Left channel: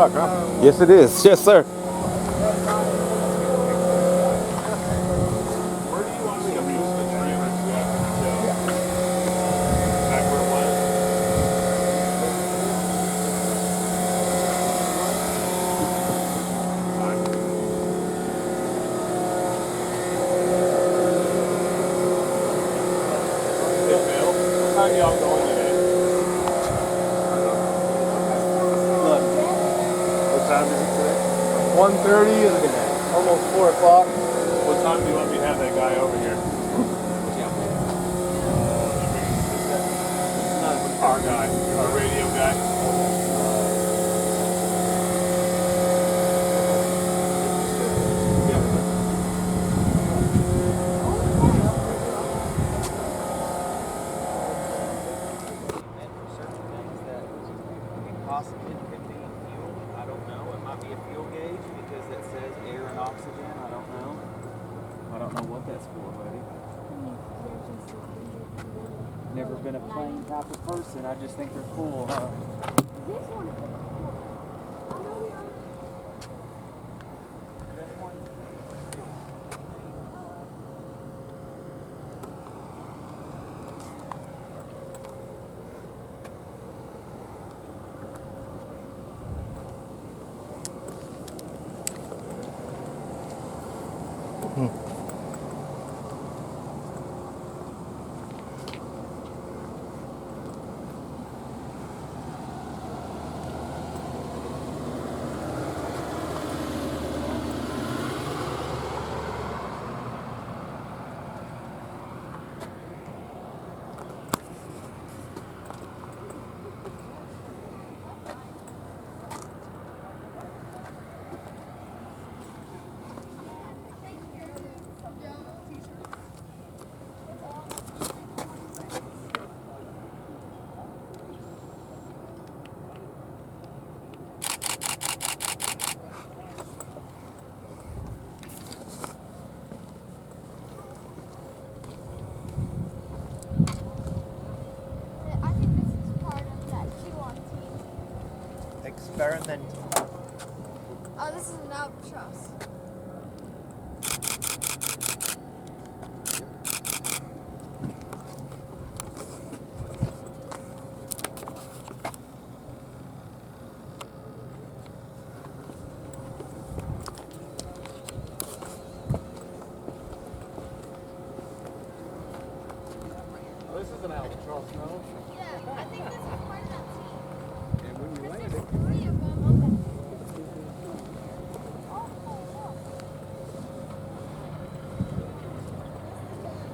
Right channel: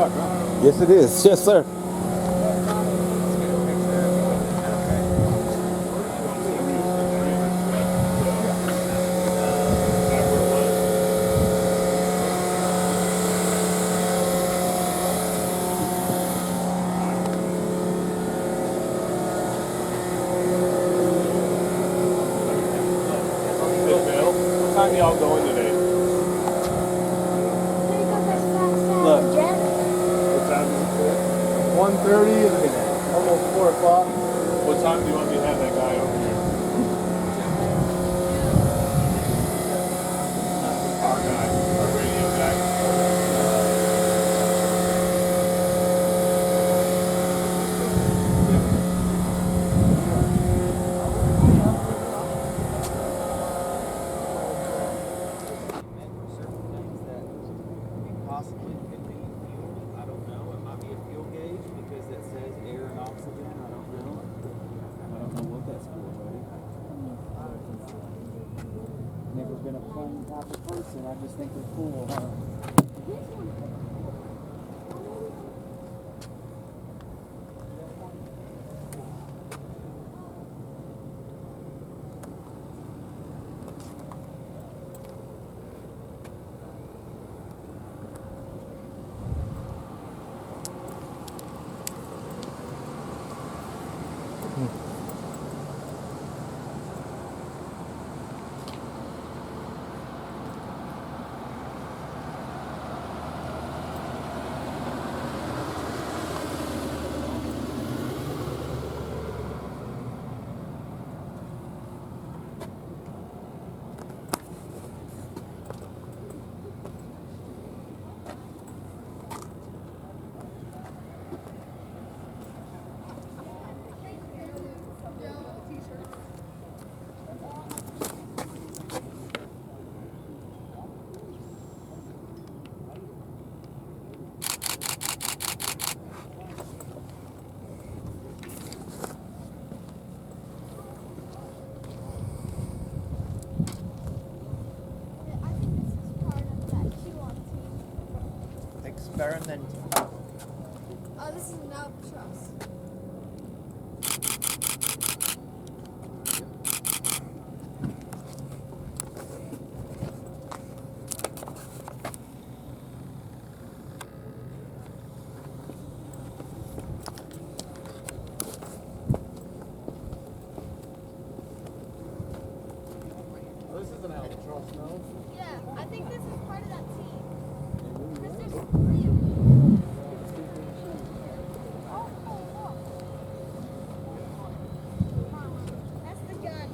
truck, huh? Yes, it is. Yes, sir. What time y'all going today? Look. What time is it today? 1:30 and almost 4 o'clock. What time do you want me to have that guy over here? Our guy. Our radio guy. Certain things that possibly could be fuel. I don't know. It might be a fuel gauge because that says air and oxygen. I don't know. I don't know what that's for, buddy. Never been a plane type of person. I just think they're cool, huh? I think this is part of that Q1 team. Experiment. Oh, this is an albatross. This is an albatross, no? Yeah, I think this is part of that team. Because there's 3 of them. Oh, look. That's the gun.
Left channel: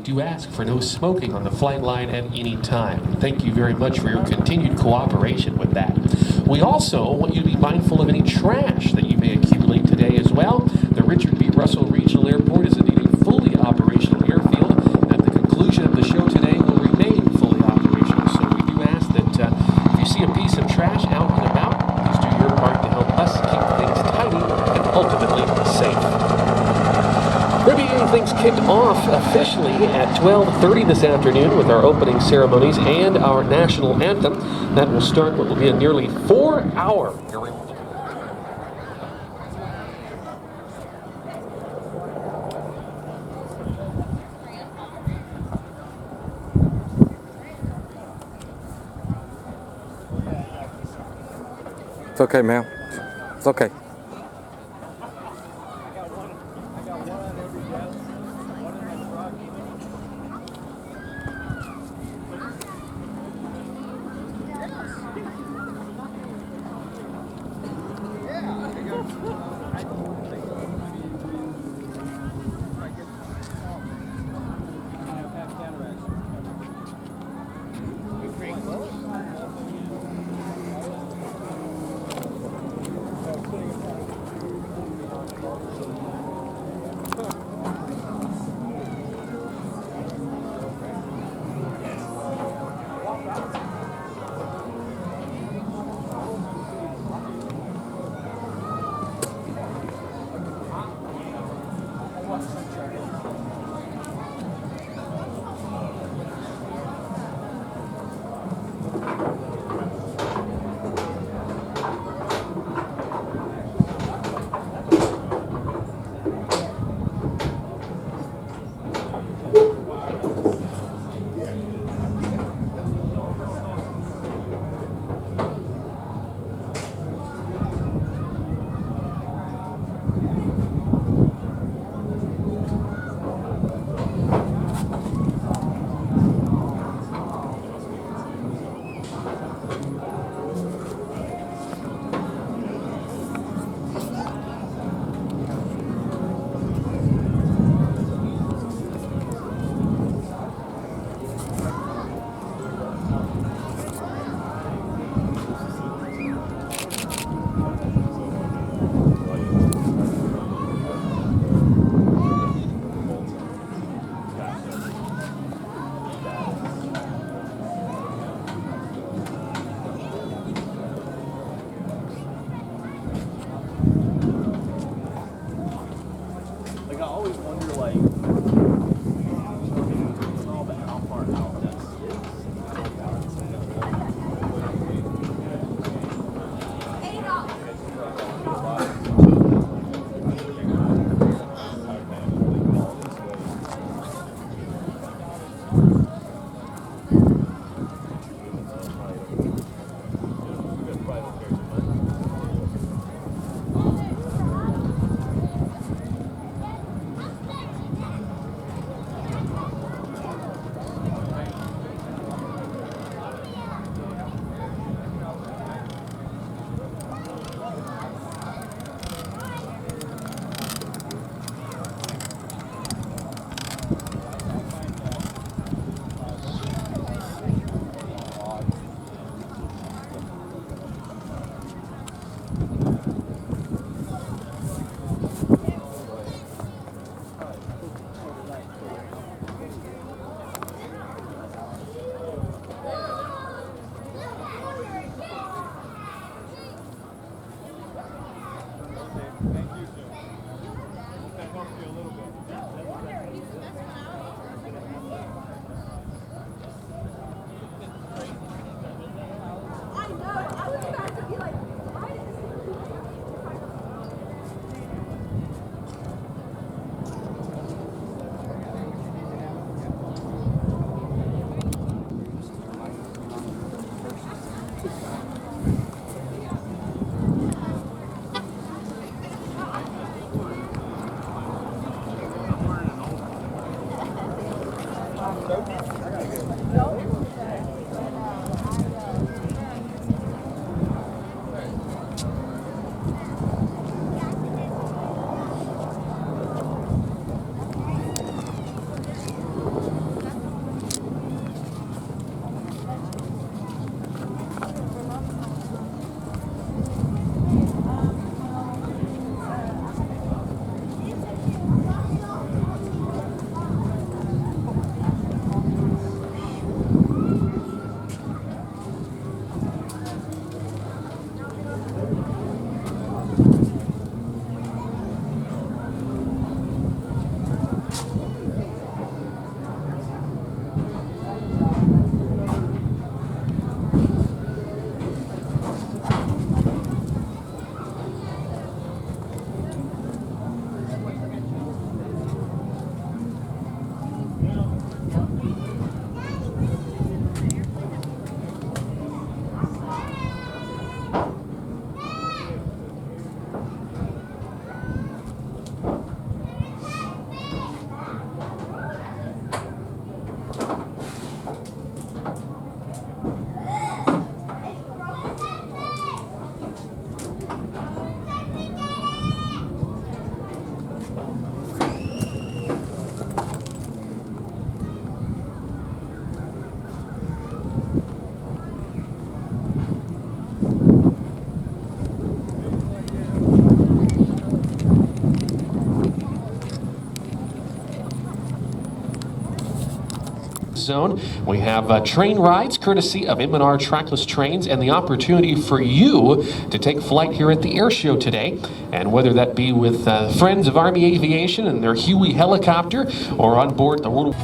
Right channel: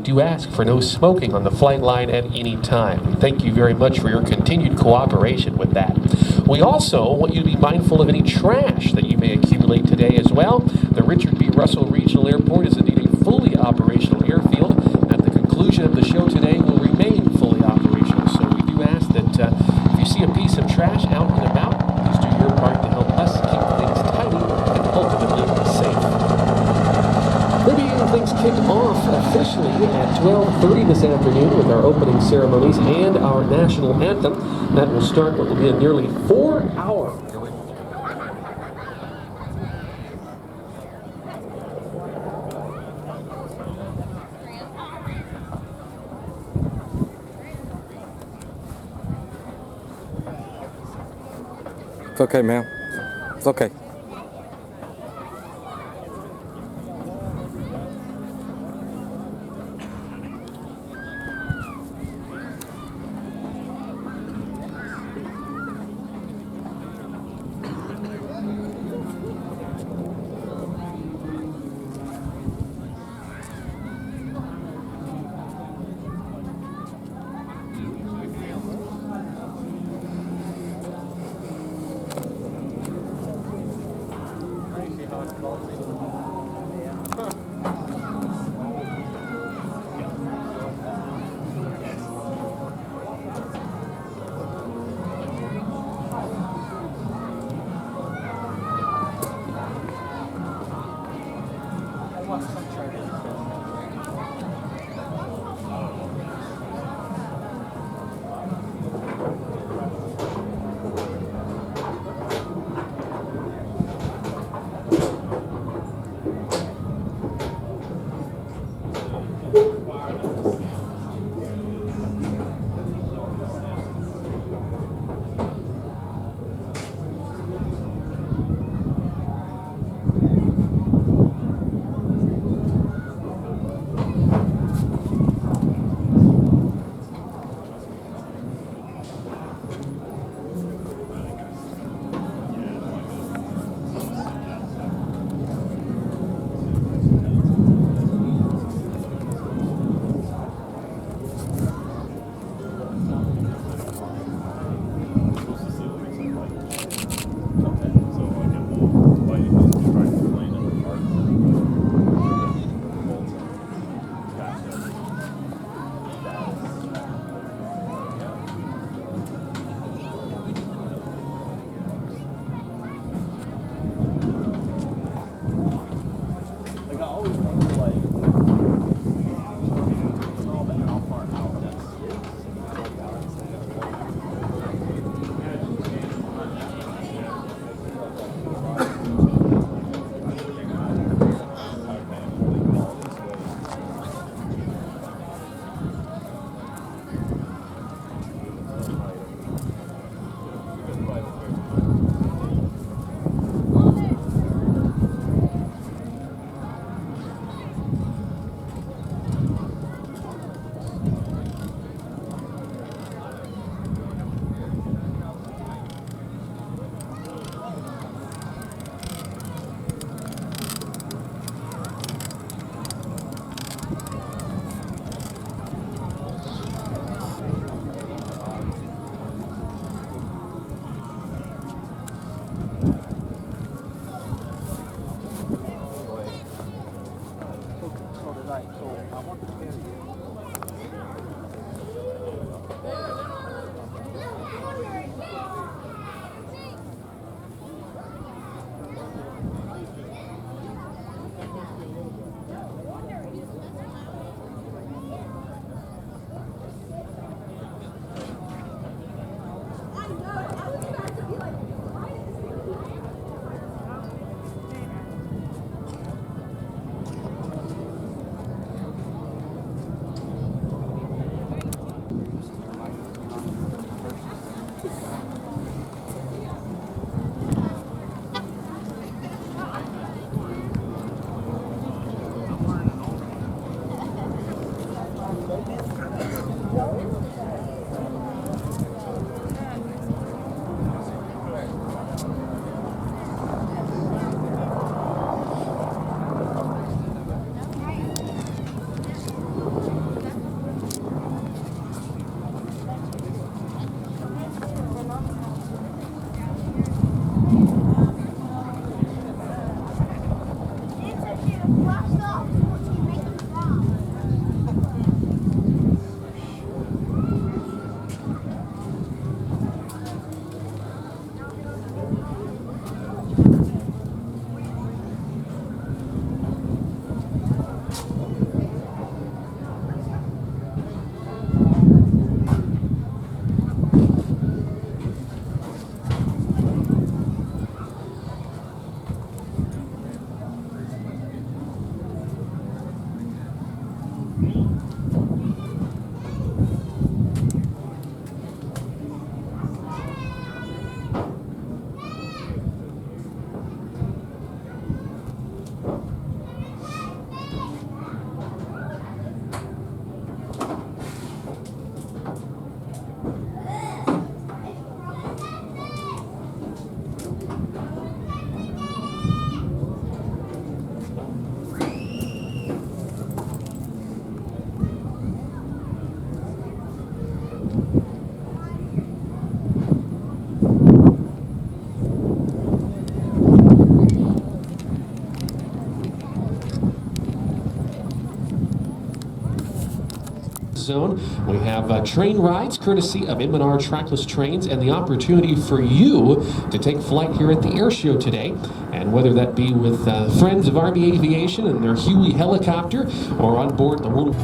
do ask for no smoking on the flight line at any time. Thank you very much for your continued cooperation with that. We also want you to be mindful of any trash that you may accumulate today as well. The Richard B. Russell Regional Airport is indeed a fully operational airfield. At the conclusion of the show today, will remain fully operational. So we do ask that if you see a piece of trash out and about, please do your part to help us keep things tidy and ultimately safe. We're beginning things kicked off officially at 12:30 this afternoon with our opening ceremonies and our national anthem. That will start what will be a nearly 4-hour. It's okay, ma'am. It's okay. Like I always wonder, like, all the how far out that zone. We have train rides courtesy of M&R Trackless Trains and the opportunity for you to take flight here at the Airshow today. And whether that be with friends of Army Aviation and their Huey helicopter or on board the World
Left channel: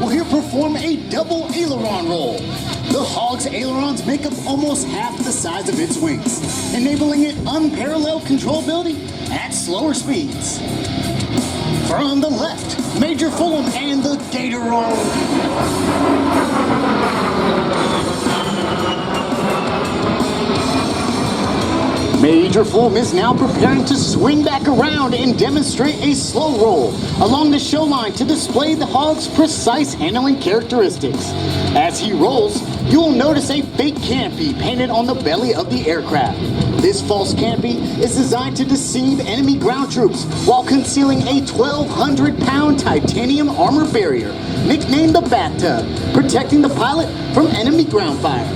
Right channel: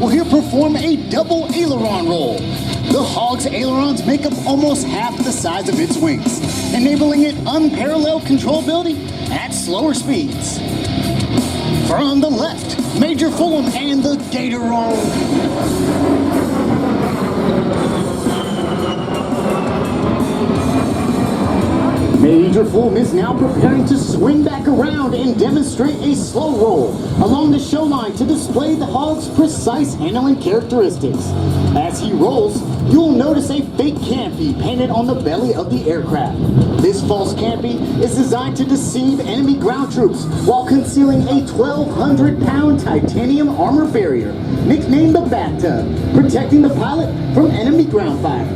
will here perform a double aileron roll. The Hog's ailerons make up almost half the size of its wings, enabling it unparalleled controllability at slower speeds. From the left, Major Fulham and the Gator Roll. Major Fulham is now preparing to swing back around and demonstrate a slow roll along the show line to display the Hog's precise handling characteristics. As he rolls, you will notice a fake canopy painted on the belly of the aircraft. This false canopy is designed to deceive enemy ground troops while concealing a 1,200-pound titanium armor barrier, nicknamed the Bathtub, protecting the pilot from enemy ground fire.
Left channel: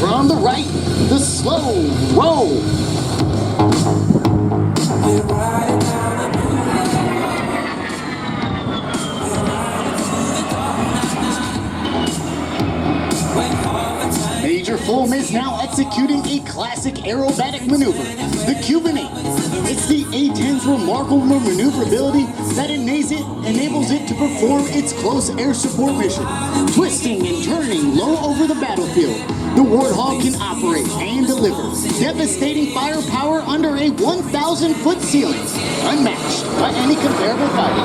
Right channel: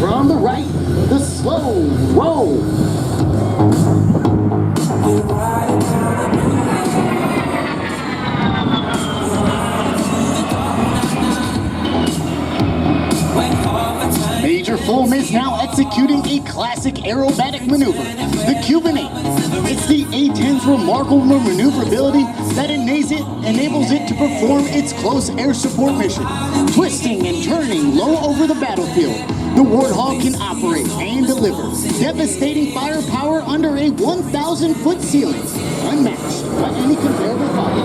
From the right, the slow roll. Major Fulham is now executing a classic aerobatic maneuver, the Cuban 8. It's the A-10's remarkable maneuverability that enables it to perform its close air support mission, twisting and turning low over the battlefield. The Warthog can operate and deliver devastating firepower under a 1,000-foot ceiling, unmatched by any comparable fighter.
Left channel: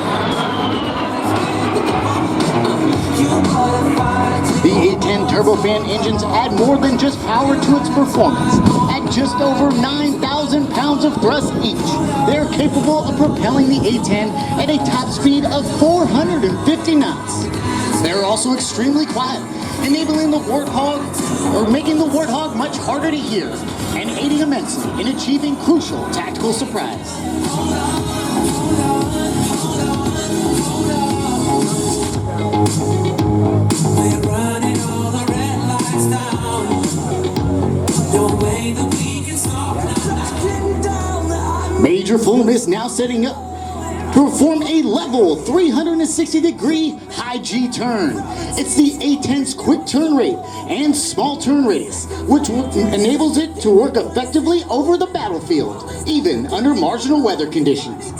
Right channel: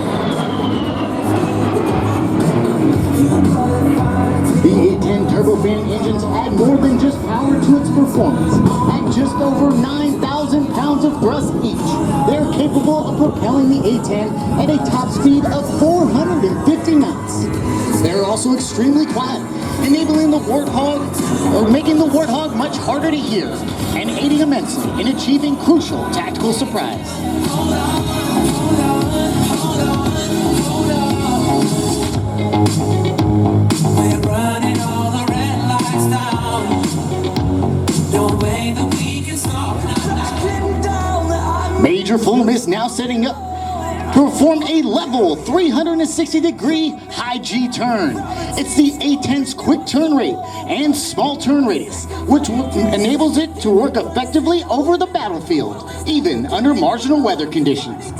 The A-10 turbofan engines add more than just power to its performance. At just over 9,000 pounds of thrust each, they're capable of propelling the A-10 at a top speed of 450 knots. They're also extremely quiet, enabling the Warthog, or making the Warthog much harder to hear, and aiding immensely in achieving crucial tactical surprise. We're running all the red lights down. No way that we can stop now. Major Fulham is now setting up to perform a level 360-degree high G turn. It's the A-10's quick turn rate and small turn radius, which enables it to work effectively over the battlefield, even under marginal weather conditions.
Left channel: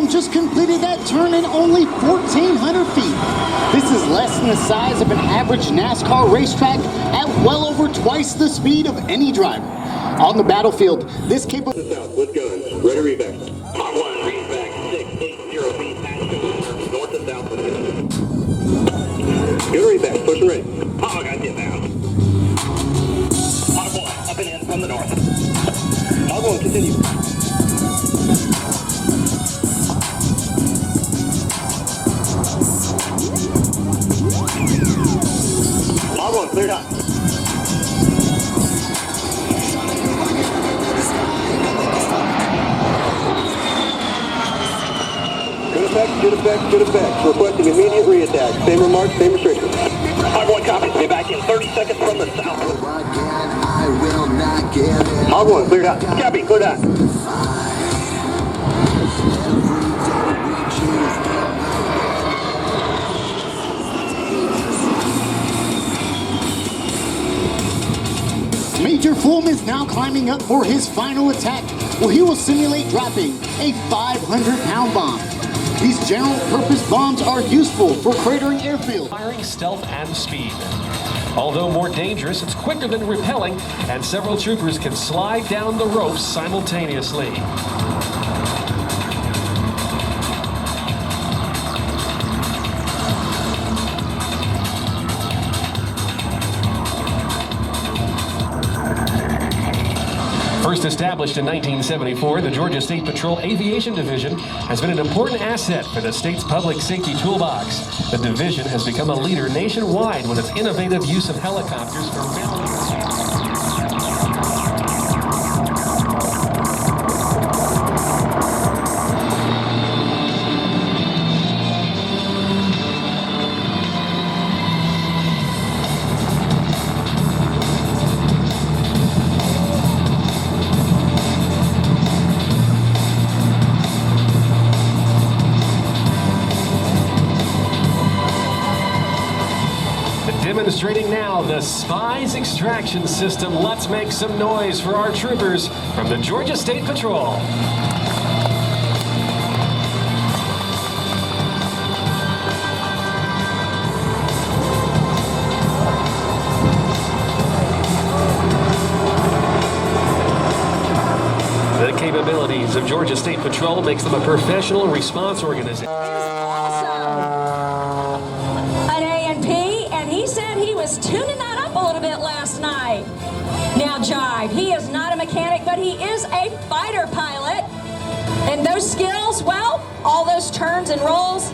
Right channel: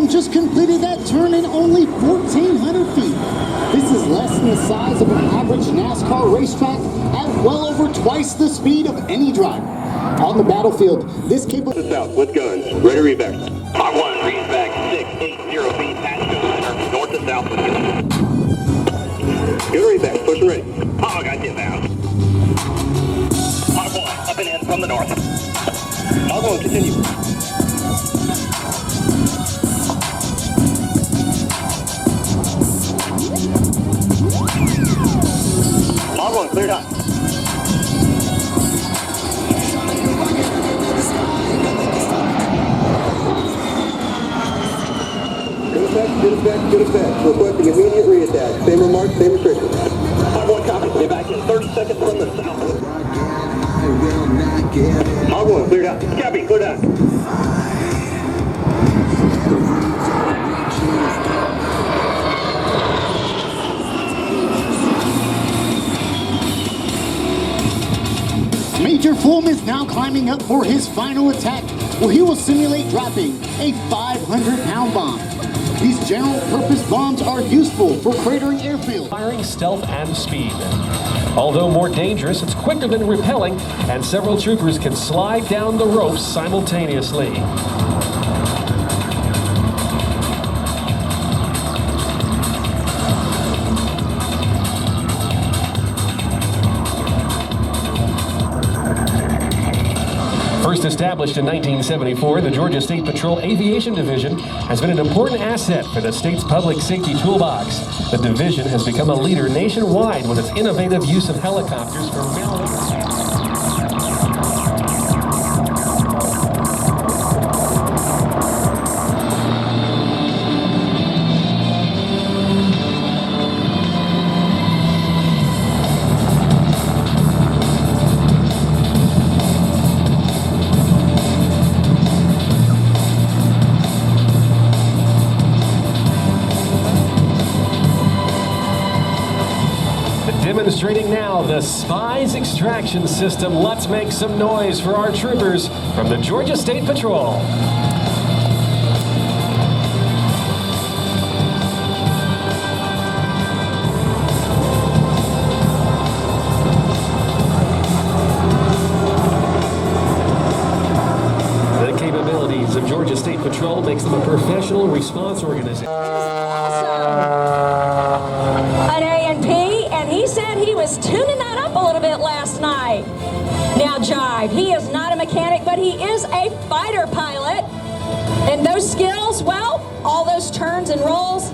them just completed that turn in only 1,400 feet. This is less than the size of an average NASCAR racetrack at well over twice the speed of any driver. On the battlefield, this capable... South with guns. Ready to reback. Mach 1, reback 680 feet, past go center, north to south with guns. Good reback. Push and ready. Hog, I get down. Mach 1, up and in from the north. Mach 1, continue. Mach 1, cleared hot. Good effect. Requesting immediate reattack. Same remarks, same restrictions. Mach 1, copy. Get back in 30 seconds from the south. Mach 1, cleared out. Copy, cleared out. Major Fulham is now climbing up for his final attack, where he will simulate dropping a 500-pound bomb. These general-purpose bombs are useful for cratering airfields. Firing stealth and speed. Although more dangerous, it's quicker than repelling, and several troopers can slide down the ropes simultaneously. First established in 1974, the Georgia State Patrol Aviation Division has been an important asset for the state's public safety toolbox. The division has become a leader nationwide with its innovative use of helicopters for military. Demonstrating now the Spies Extraction System. Let's make some noise for our troopers from the Georgia State Patrol. The capabilities of Georgia State Patrol makes them a professional response organization. Tuning that up a little bit last night. Now, Jive, he is not a mechanic, but he is a fighter pilot. And those skills, well, all those turns and rolls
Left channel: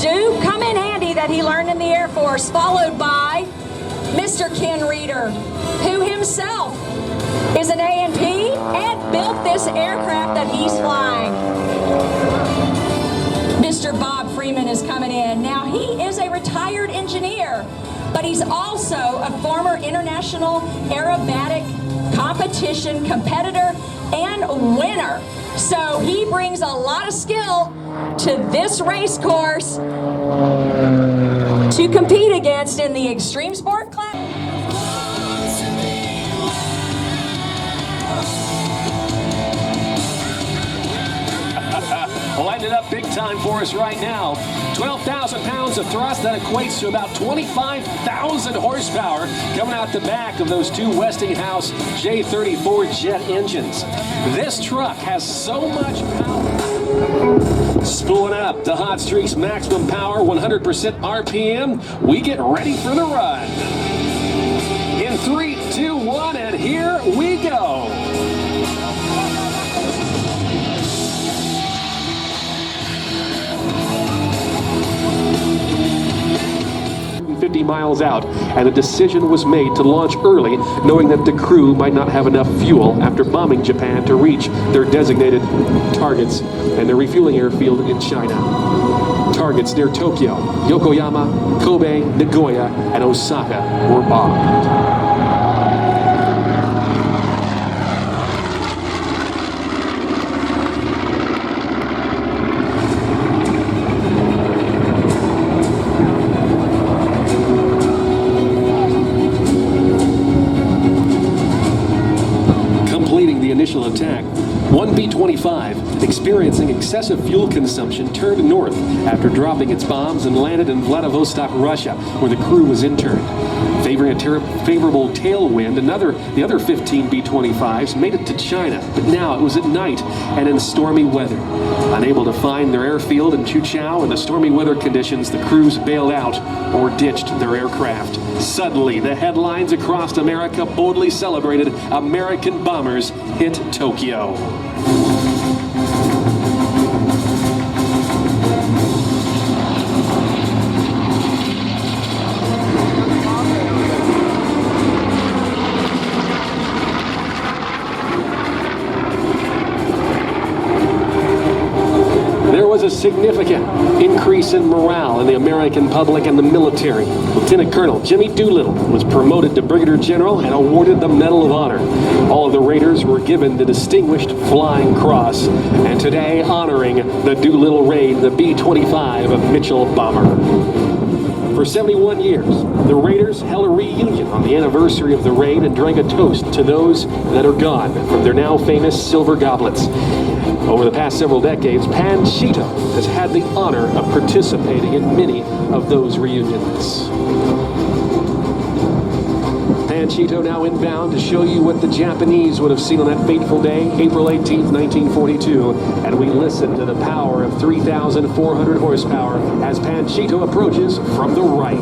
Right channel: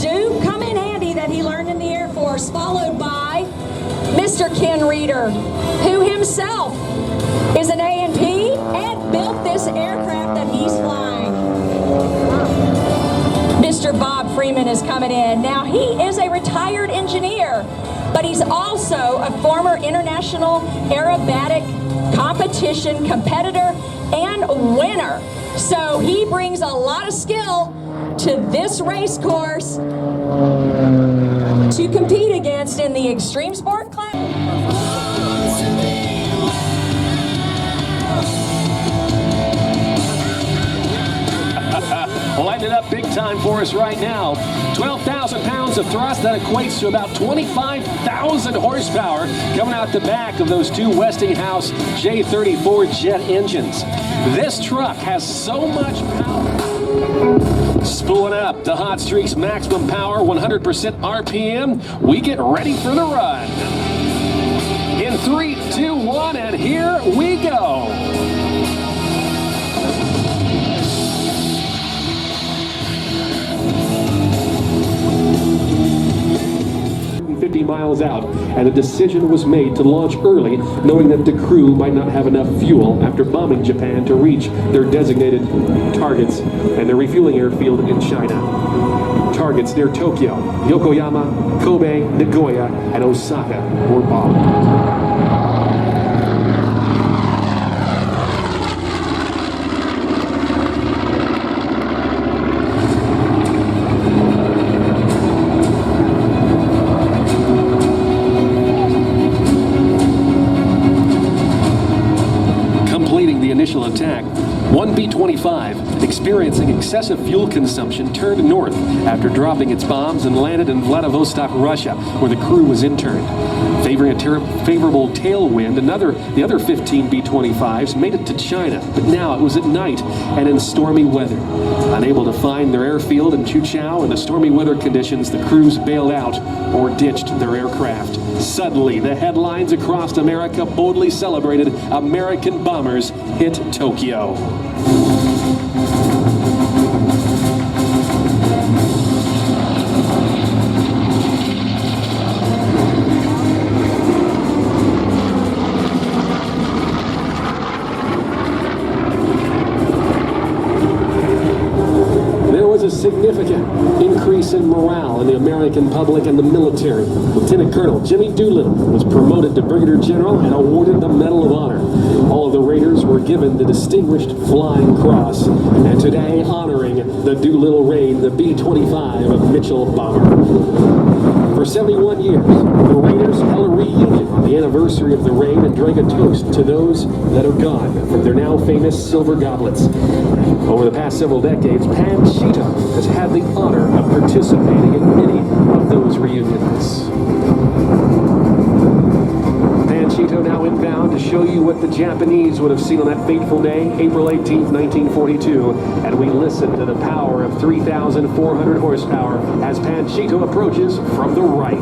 do come in handy that he learned in the Air Force, followed by Mr. Ken Reeder, who himself is an A&P and built this aircraft that he's flying. Mr. Bob Freeman is coming in. Now, he is a retired engineer, but he's also a former international aerobatic competition competitor and winner. So he brings a lot of skill to this race course to compete against in the extreme sport class. Lighting it up big time for us right now. 12,000 pounds of thrust, that equates to about 25,000 horsepower coming out the back of those two Westinghouse J34 jet engines. This truck has so much power. Spooling up to Hot Streak's maximum power, 100% RPM. We get ready for the run. In 3, 2, 1, and here we go. 50 miles out, and a decision was made to launch early, knowing that the crew might not have enough fuel after bombing Japan to reach their designated targets and their refueling airfield in China. Targets near Tokyo, Yokoyama, Kobe, Nagoya, and Osaka were bombed. Initial attack, One B-25, experiencing excessive fuel consumption, turned north after dropping its bombs and landed in Vladivostok, Russia, where the crew was interned. Favoring a favorable tailwind, the other 15 B-25s made it to China, but now it was at night and in stormy weather. Unable to find their airfield in Chuchao in the stormy weather conditions, the crews bailed out or ditched their aircraft. Suddenly, the headlines across America boldly celebrated American bombers hit Tokyo. A significant increase in morale in the American public and the military. Lieutenant Colonel Jimmy Doolittle was promoted to Brigadier General and awarded the Medal of Honor. All of the Raiders were given the Distinguished Flying Cross, and today honoring the Doolittle Raid, the B-25 of Mitchell bomber. For 71 years, the Raiders held a reunion on the anniversary of the raid and drank a toast to those that are gone from their now famous silver goblets. Over the past several decades, Panchito has had the honor of participating in many of those reunions. Panchito now inbound to show you what the Japanese would have seen on that fateful day, April 18, 1942, and we listen to the power of 3,400 horsepower as Panchito approaches from the right.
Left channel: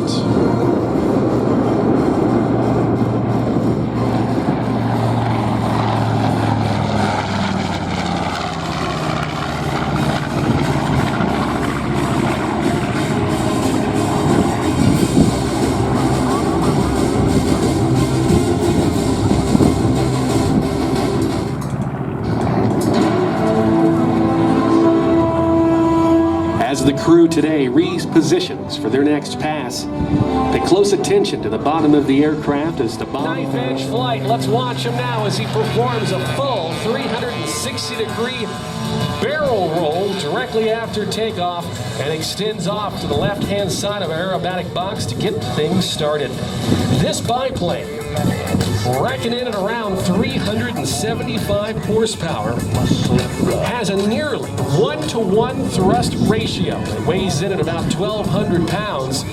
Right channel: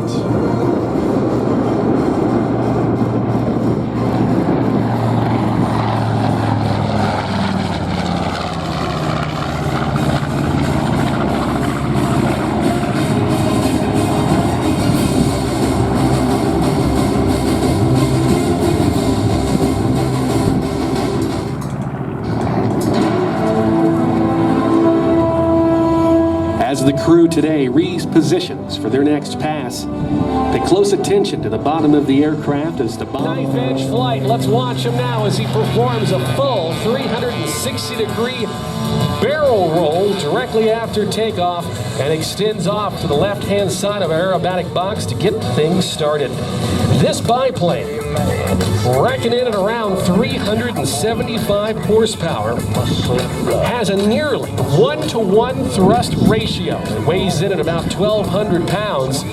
As the crew today repositions for their next pass, pay close attention to the bottom of the aircraft as the knife edge flight. Let's watch him now as he performs a full 360-degree barrel roll directly after takeoff and extends off to the left-hand side of our aerobatic box to get things started. This biplane, racking in at around 375 horsepower, has a nearly 1-to-1 thrust ratio. It weighs in at about 1,200 pounds.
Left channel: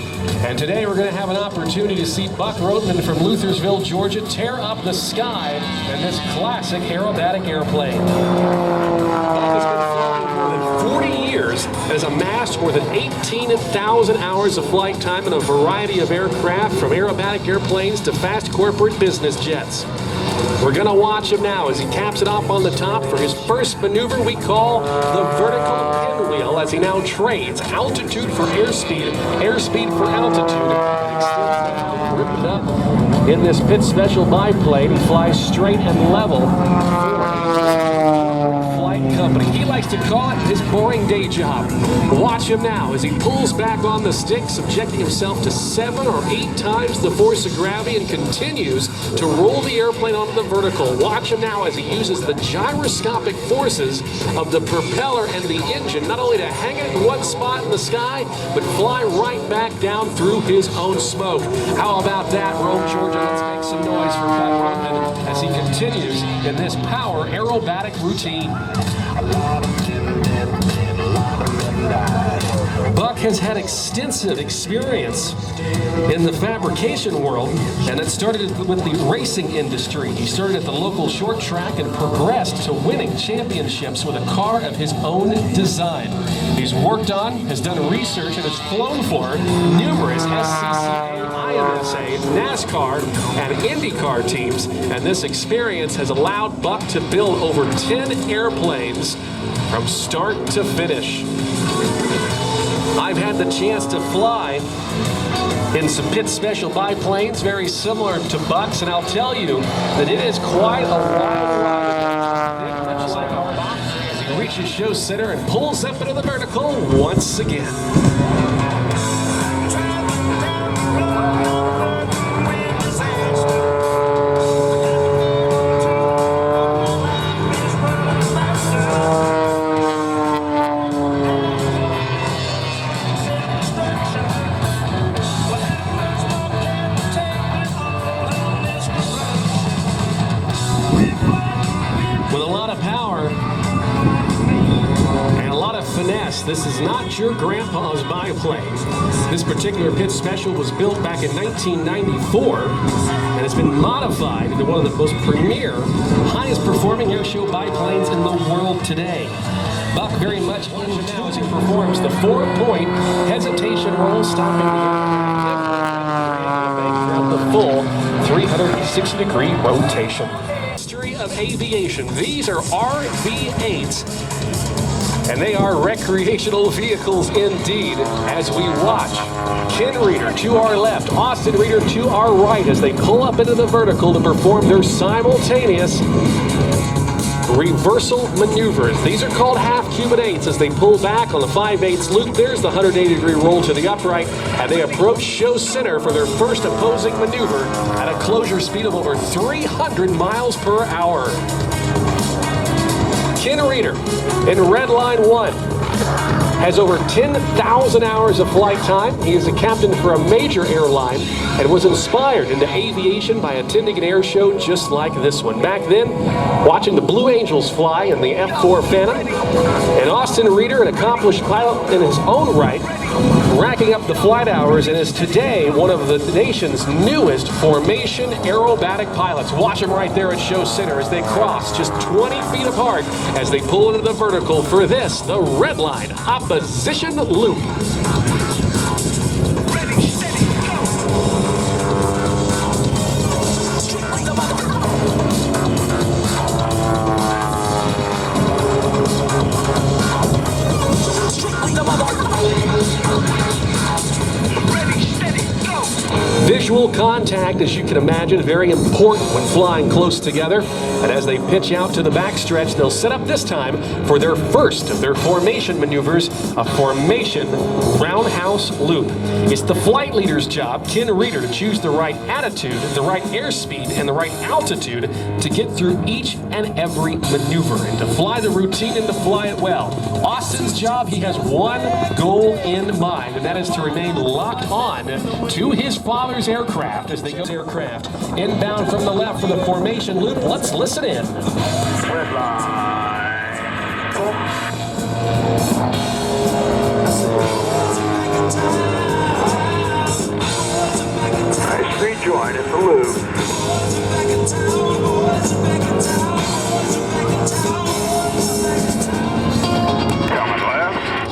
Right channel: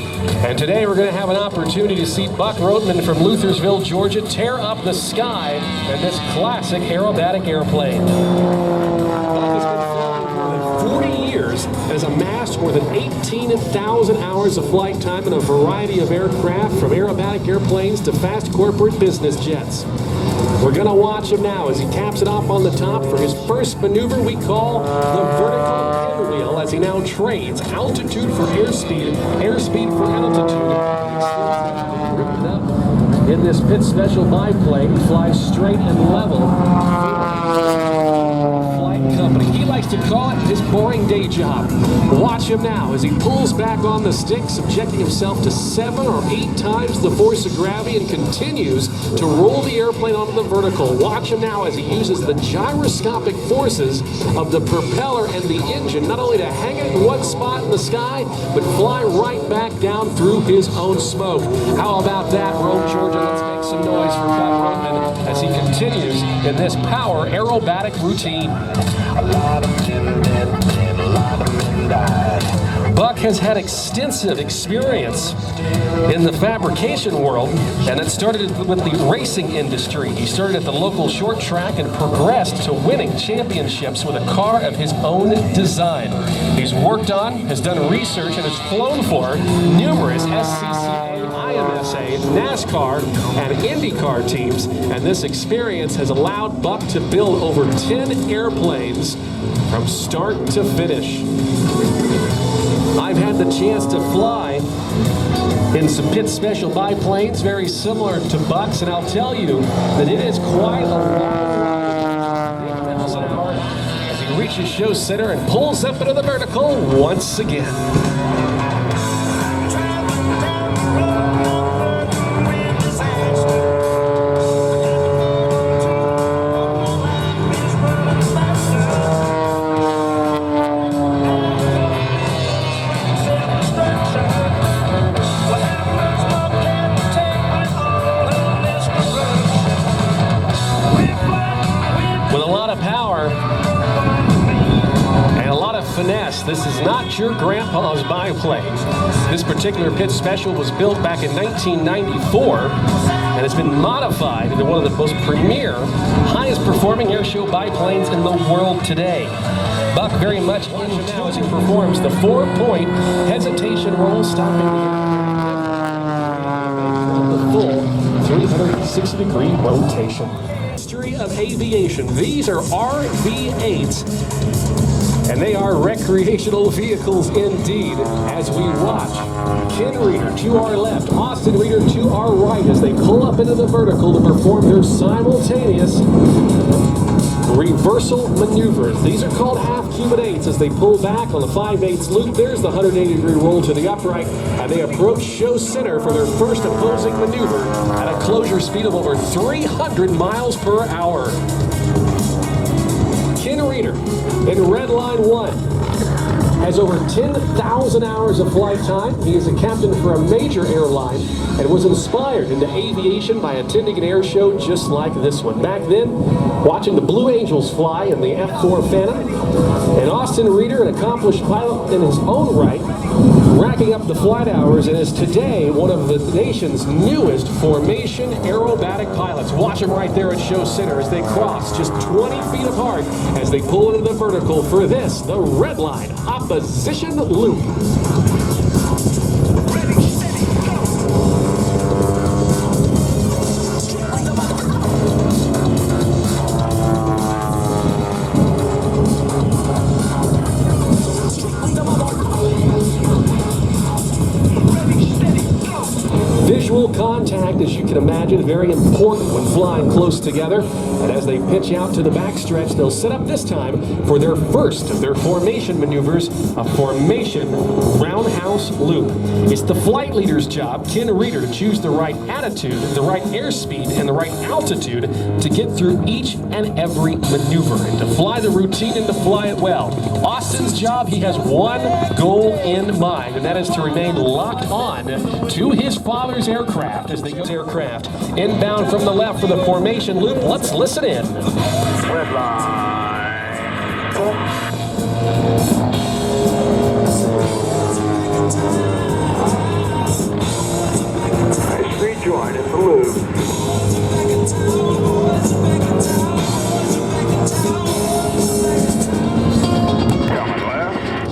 And today we're going to have an opportunity to see Buck Rothman from Luthersville, Georgia, tear up the sky in this classic aerobatic airplane. Buck has been flying for more than 40 years and has amassed more than 18,000 hours of flight time in a variety of aircraft, from aerobatic airplanes to fast corporate business jets. We're going to watch him now as he caps it off on the top for his first maneuver we call the vertical pinwheel, as he now trades altitude for airspeed, airspeed for altitude. In this pit special biplane, he flies straight and level. Flight company. He likes to call it his boring day job. Watch him now as he pulls back on the stick, subjecting himself to 7 or 8 times the force of gravity, and continues to roll the airplane onto the vertical. Watch him now as he uses the gyroscopic forces of the propeller and the engine, not only to hang it in one spot in the sky, but fly right back down through his own smoke. How about that, Rome, Georgia? Let's make some noise for Buck Rothman as he continues in this power aerobatic routine. Buck has had extensive experience in the fabrication world, and it started with the racing industry. He started at the local short track and progressed to winning championships with a car of his own design. He's worked on, has done research, and has flown for numerous SCCA, IMSA, NASCAR, and IndyCar teams, and this experience has allowed Buck to build over 10 airplanes from start to finish. I've had the chance to fly in some pit special biplanes very similar to Buck's, and I'll tell you that it is quite a long ride. 8 miles an hour as he reaches show center and pulls up into the vertical once again. of power and a lot of finesse. This is not your grandpa's biplane. This particular pitch special was built back in 1994 and has been modified into one of the most premier, highest performing airshow biplanes in the world today. Buck very much into now as he performs the 4-point hesitation roll, stopping the full 360-degree rotation. History of aviation. These are RV-8s, and they are recreational vehicles indeed. As we watch Ken Reeder to our left, Austin Reeder to our right as they pull up into the vertical to perform their simultaneous reversal maneuvers. These are called half-Cuban 8s as they pull back on the 5/8 loop. There's the 180-degree roll to the upright, and they approach show center for their first opposing maneuver at a closure speed of over 300 miles per hour. Ken Reeder in red line 1 has over 10,000 hours of flight time. He is a captain for a major airline and was inspired into aviation by attending an air show just like this one. Back then, watching the Blue Angels fly in the F-4 Phantom, and Austin Reeder, an accomplished pilot in his own right, racking up the flight hours and is today one of the nation's newest formation aerobatic pilots. Watch him right there at show center as they cross just 20 feet apart as they pull into the vertical for this, the red line opposition loop. Visual contact, as you can imagine, very important when flying close together. And as they pitch out to the backstretch, they'll set up this time for their first of their formation maneuvers, a formation roundhouse loop. It's the flight leader's job, Ken Reeder, to choose the right attitude, the right airspeed, and the right altitude to get through each and every maneuver and to fly the routine and to fly it well. Austin's job, he has one goal in mind, and that is to remain locked on to his father's aircraft as they go to aircraft. Inbound from the left for the formation loop. Let's listen in. Red line. Nice rejoin at the loop.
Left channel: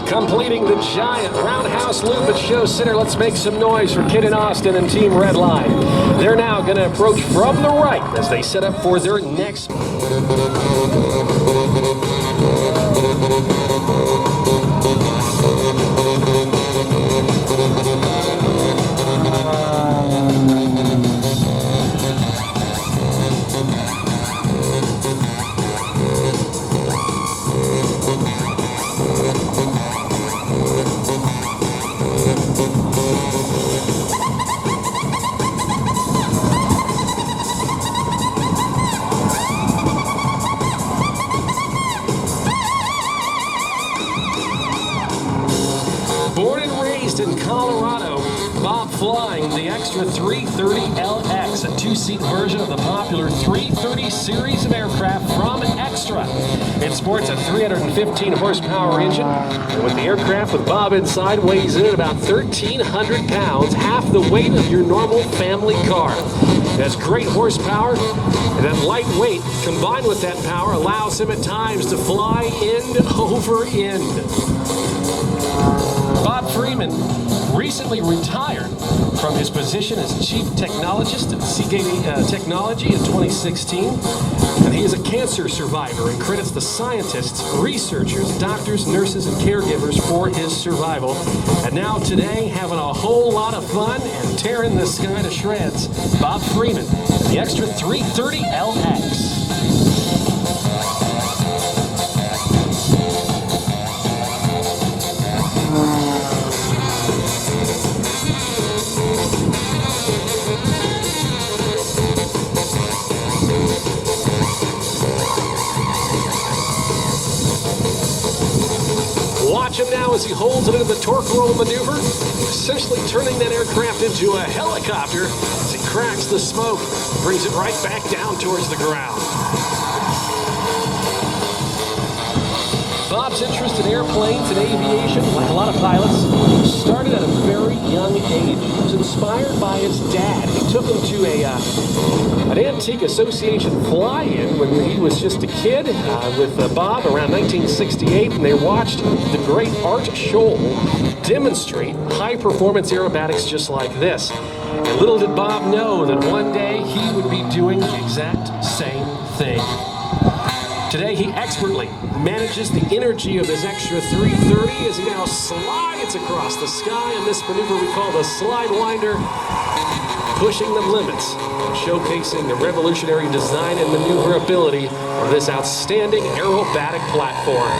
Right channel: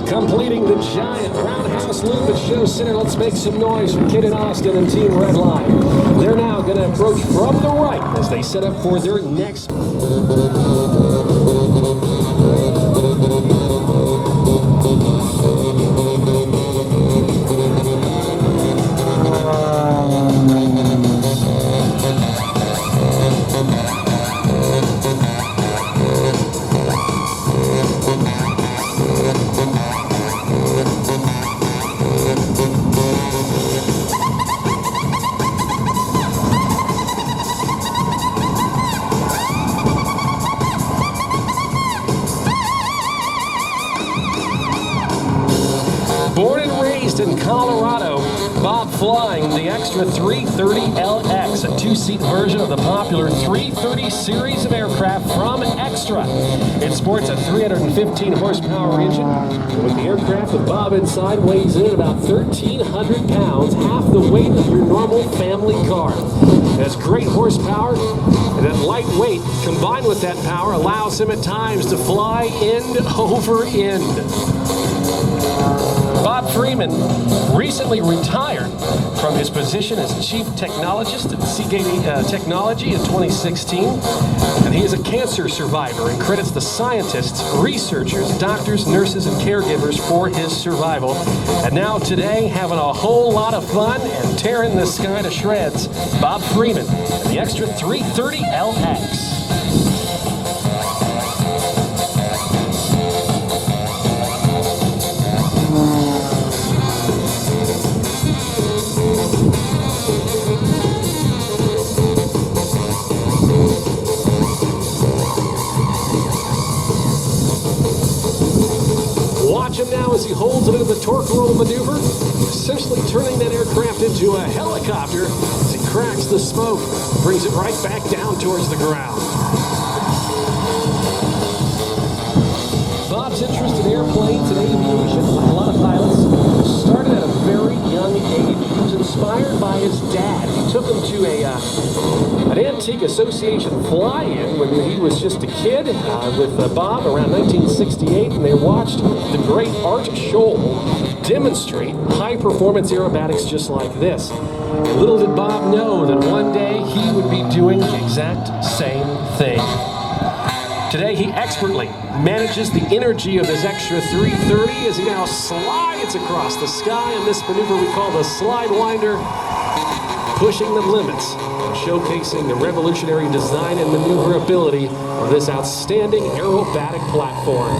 Completing the giant roundhouse loop at show center. Let's make some noise for Kid and Austin and Team Redline. They're now going to approach from the right as they set up for their next. Born and raised in Colorado, Bob flying the Extra 330LX, a two-seat version of the popular 330 series of aircraft from Extra. It sports a 315 horsepower engine, and with the aircraft with Bob inside weighs in at about 1,300 pounds, half the weight of your normal family car. It has great horsepower, and that light weight combined with that power allows him at times to fly end over end. Bob Freeman recently retired from his position as Chief Technologist at Seagate Technology in 2016, and he is a cancer survivor and credits the scientists, researchers, doctors, nurses, and caregivers for his survival. And now today, having a whole lot of fun and tearing the sky to shreds, Bob Freeman and the Extra 330LX. Watch him now as he holds it into the torque roll maneuver, essentially turning that aircraft into a helicopter as he cracks the smoke, brings it right back down towards the ground. Bob's interest in airplanes and aviation, like a lot of pilots, started at a very young age. He was inspired by his dad. He took him to an antique association fly-in when he was just a kid with Bob around 1968, and they watched the great Art Scholl demonstrate high-performance aerobatics just like this. And little did Bob know that one day he would be doing the exact same thing. Today, he expertly manages the energy of his extra 330 as he now slides across the sky in this maneuver we call the slide winder, pushing the limits and showcasing the revolutionary design and maneuverability of this outstanding aerobatic platform.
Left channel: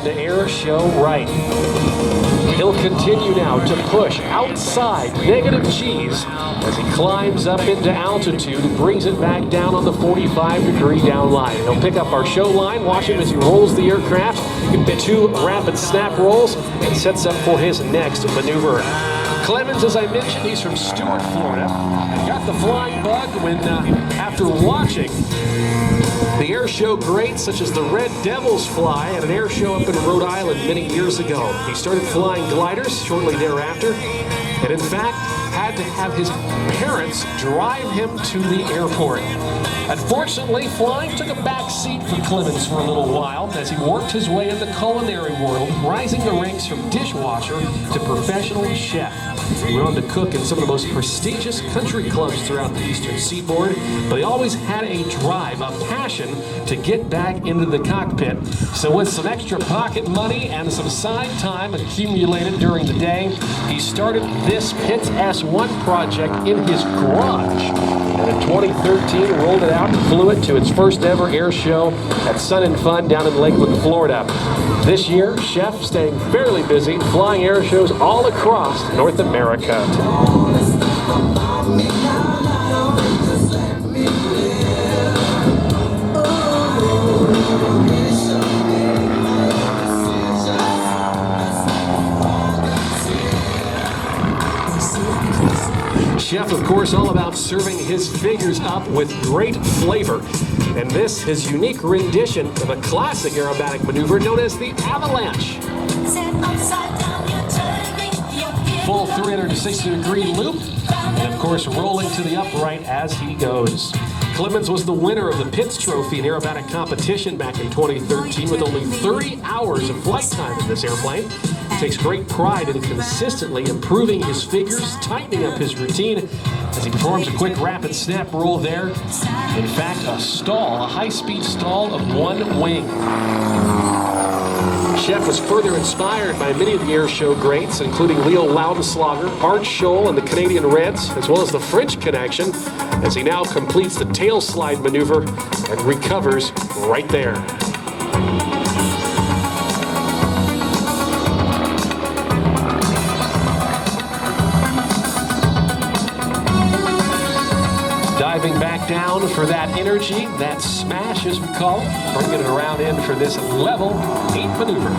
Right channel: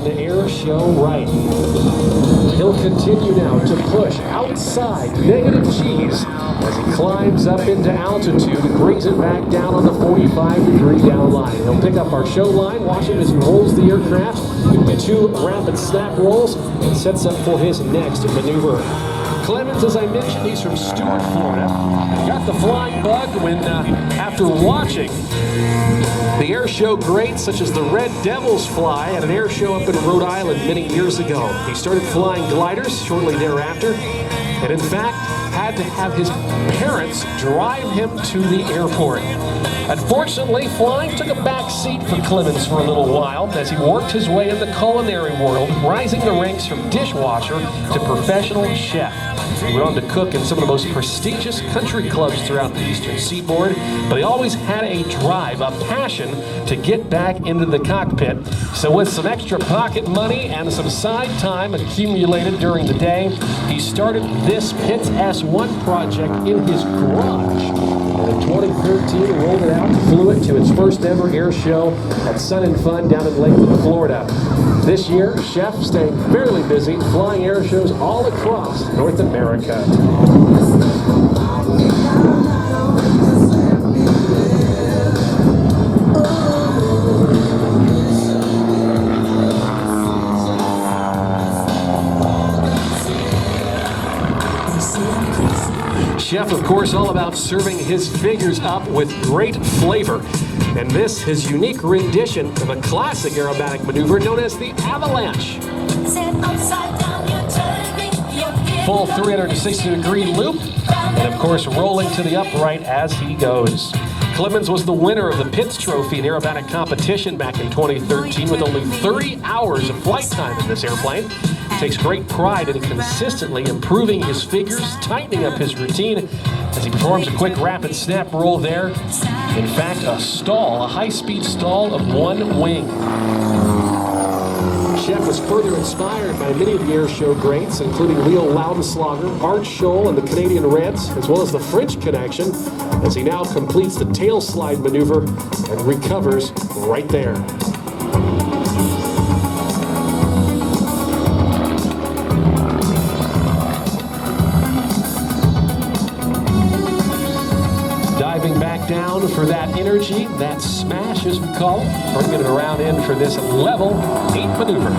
Airshow right. He'll continue now to push outside negative G's as he climbs up into altitude and brings it back down on the 45-degree down line. He'll pick up our show line, watch him as he rolls the aircraft, 2 rapid snap rolls, and sets up for his next maneuver. Clemens, as I mentioned, he's from Stuart, Florida. Got the flying bug when, after watching the Airshow greats such as the Red Devils fly at an air show up in Rhode Island many years ago. He started flying gliders shortly thereafter, and in fact had to have his parents drive him to the airport. Unfortunately, flying took a back seat for Clemens for a little while as he worked his way in the culinary world, rising the ranks from dishwasher to professional chef. He went on to cook in some of the most prestigious country clubs throughout the Eastern Seaboard, but he always had a drive, a passion to get back into the cockpit. So with some extra pocket money and some side time accumulated during the day, he started this Pitts S1 project in his garage. And in 2013, rolled it out and flew it to its first ever air show at Sun and Fun down in Lakeland, Florida. This year, Chef staying fairly busy, flying air shows all across North America. Chef, of course, all about serving his figures up with great flavor. And this, his unique rendition of a classic aerobatic maneuver known as the avalanche. Full 360-degree loop, and of course rolling to the upright as he goes. Clemens was the winner of the Pitts Trophy in aerobatic competition back in 2013 with only 30 hours of flight time in this airplane. He takes great pride in consistently improving his figures, tightening up his routine as he performs a quick rapid snap roll there. In fact, a stall, a high-speed stall of 1 wing. Chef was further inspired by many of the air show greats, including Leo Laudenslager, Art Scholl, and the Canadian Reds, as well as the French connection, as he now completes the tail slide maneuver and recovers right there. Diving back down for that energy, that smash as we call it, bringing it around in for this level 8 maneuver.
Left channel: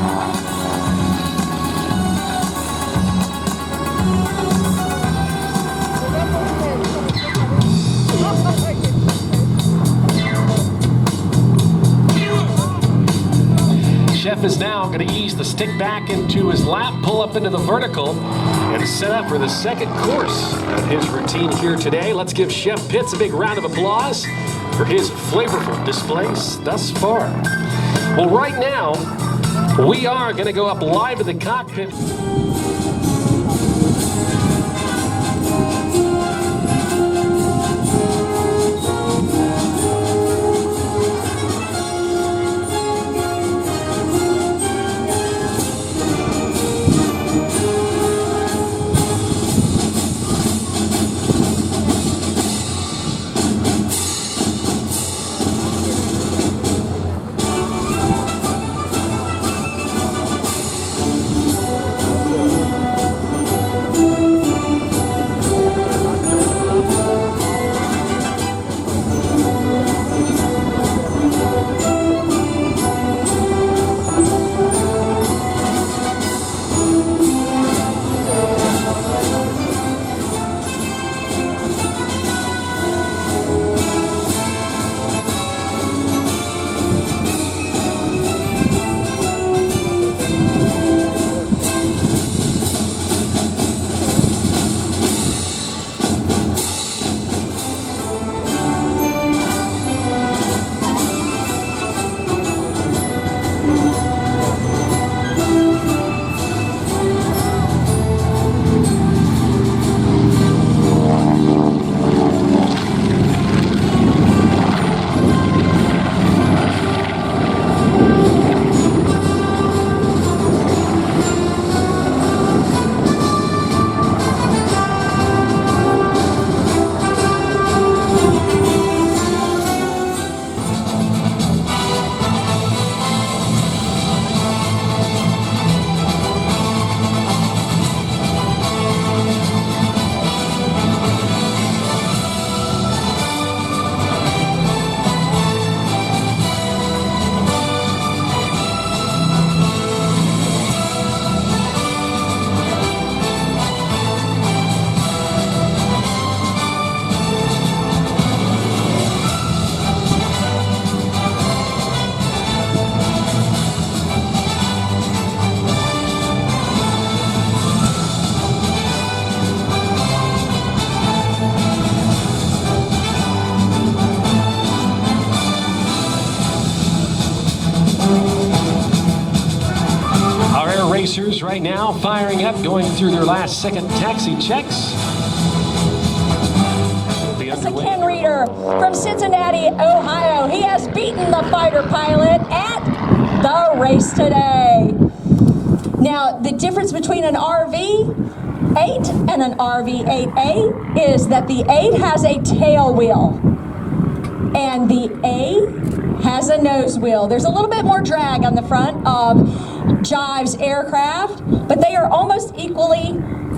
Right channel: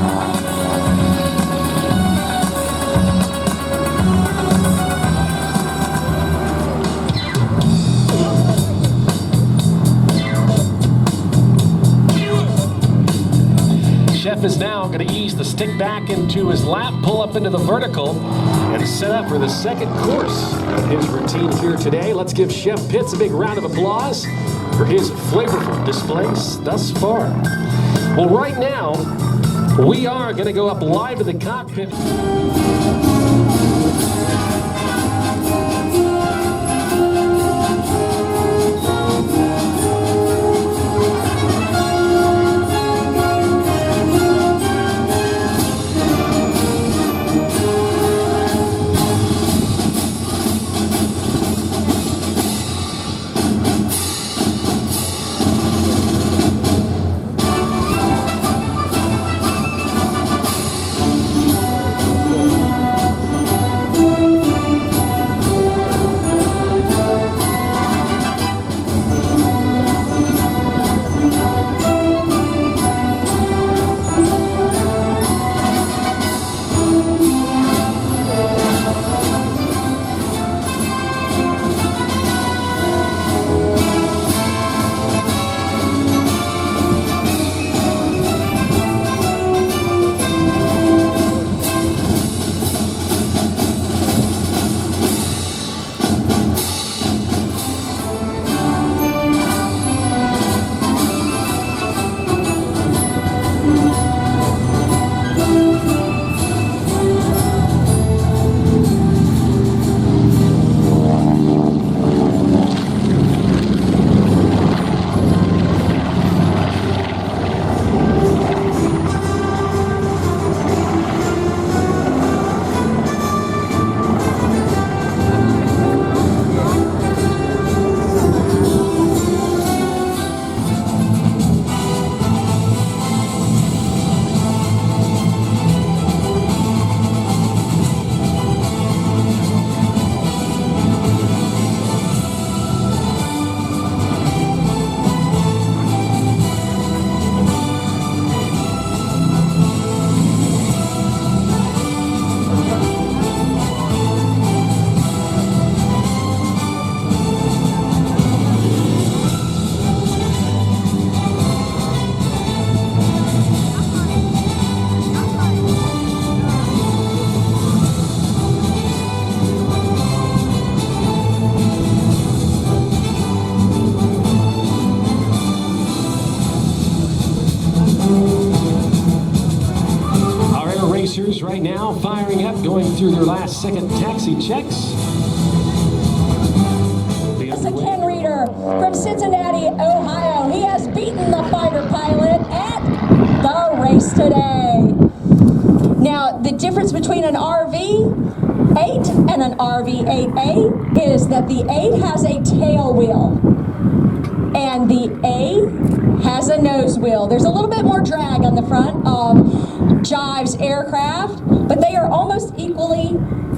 Chef is now going to ease the stick back into his lap, pull up into the vertical, and set up for the second course of his routine here today. Let's give Chef Pitts a big round of applause for his flavorful displays thus far. Well, right now, we are going to go up live to the cockpit. now firing up, going through their last second taxi checks. Ken Reeder from Cincinnati, Ohio. He has beaten the fighter pilot at the race today. Now, the difference between an RV-8 and an RV-8A is that the 8 has a tail wheel and the A has a nose wheel. There's a little bit more drag on the front of Jive's aircraft, but they are almost equally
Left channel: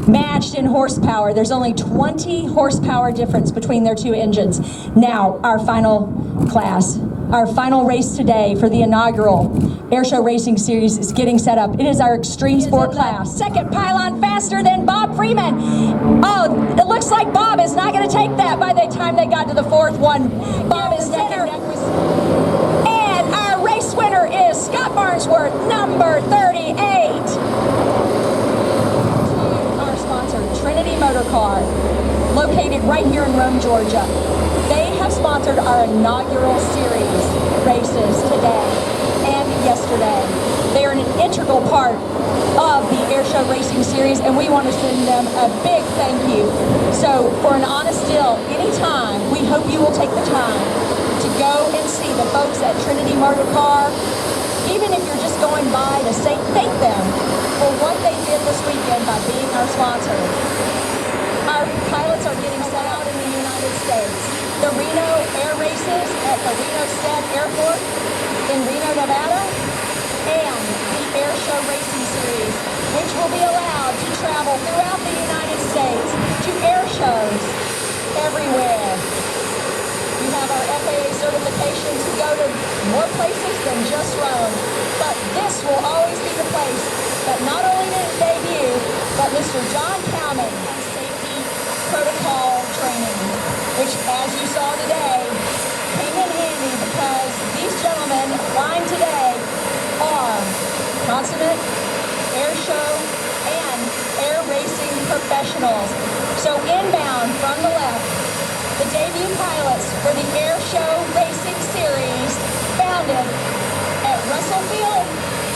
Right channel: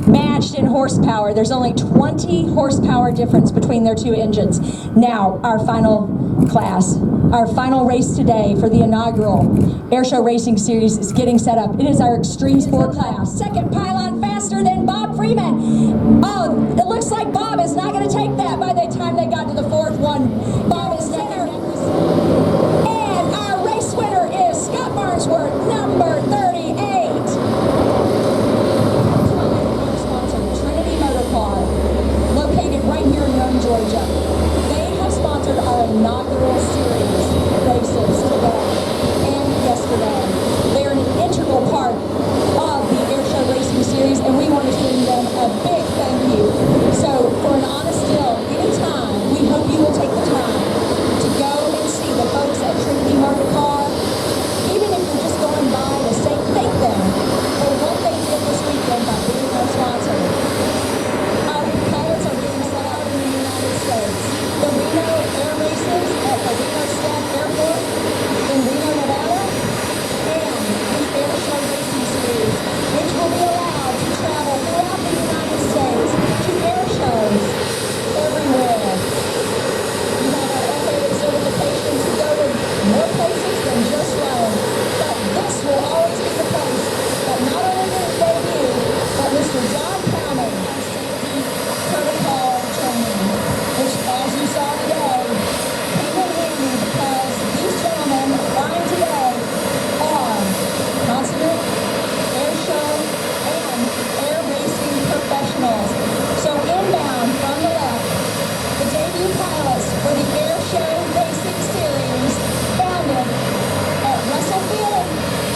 matched in horsepower. There's only 20 horsepower difference between their two engines. Now, our final class, our final race today for the inaugural Airshow Racing Series is getting set up. It is our extreme sport class. Second pylon faster than Bob Freeman. Oh, it looks like Bob is not going to take that by the time they got to the fourth one. Bob is winner. And our race winner is Scott Barnesworth, number 38. Car, located right here in Rome, Georgia. They have sponsored our inaugural series races today and yesterday. They are an integral part of the Airshow Racing Series, and we want to send them a big thank you. So, for an honest deal, anytime, we hope you will take the time to go and see the folks at Trinity Motor Car, even if you're just going by to say thank them for what they did this weekend by being our sponsor. The Reno Air Races at the Reno Squad Airport in Reno, Nevada, and the Airshow Racing Series, which will be allowed to travel throughout the United States to air shows everywhere. You have our FAA certification to go to more places than just Rome, but this will always be the place that not only did it debut, but Mr. John Cowman protocol training, which, as you saw today, came in handy because these gentlemen flying today are consummate air show and air racing professionals. So inbound from the left, the debut pilots for the Air Show Racing Series, founded at Russell Field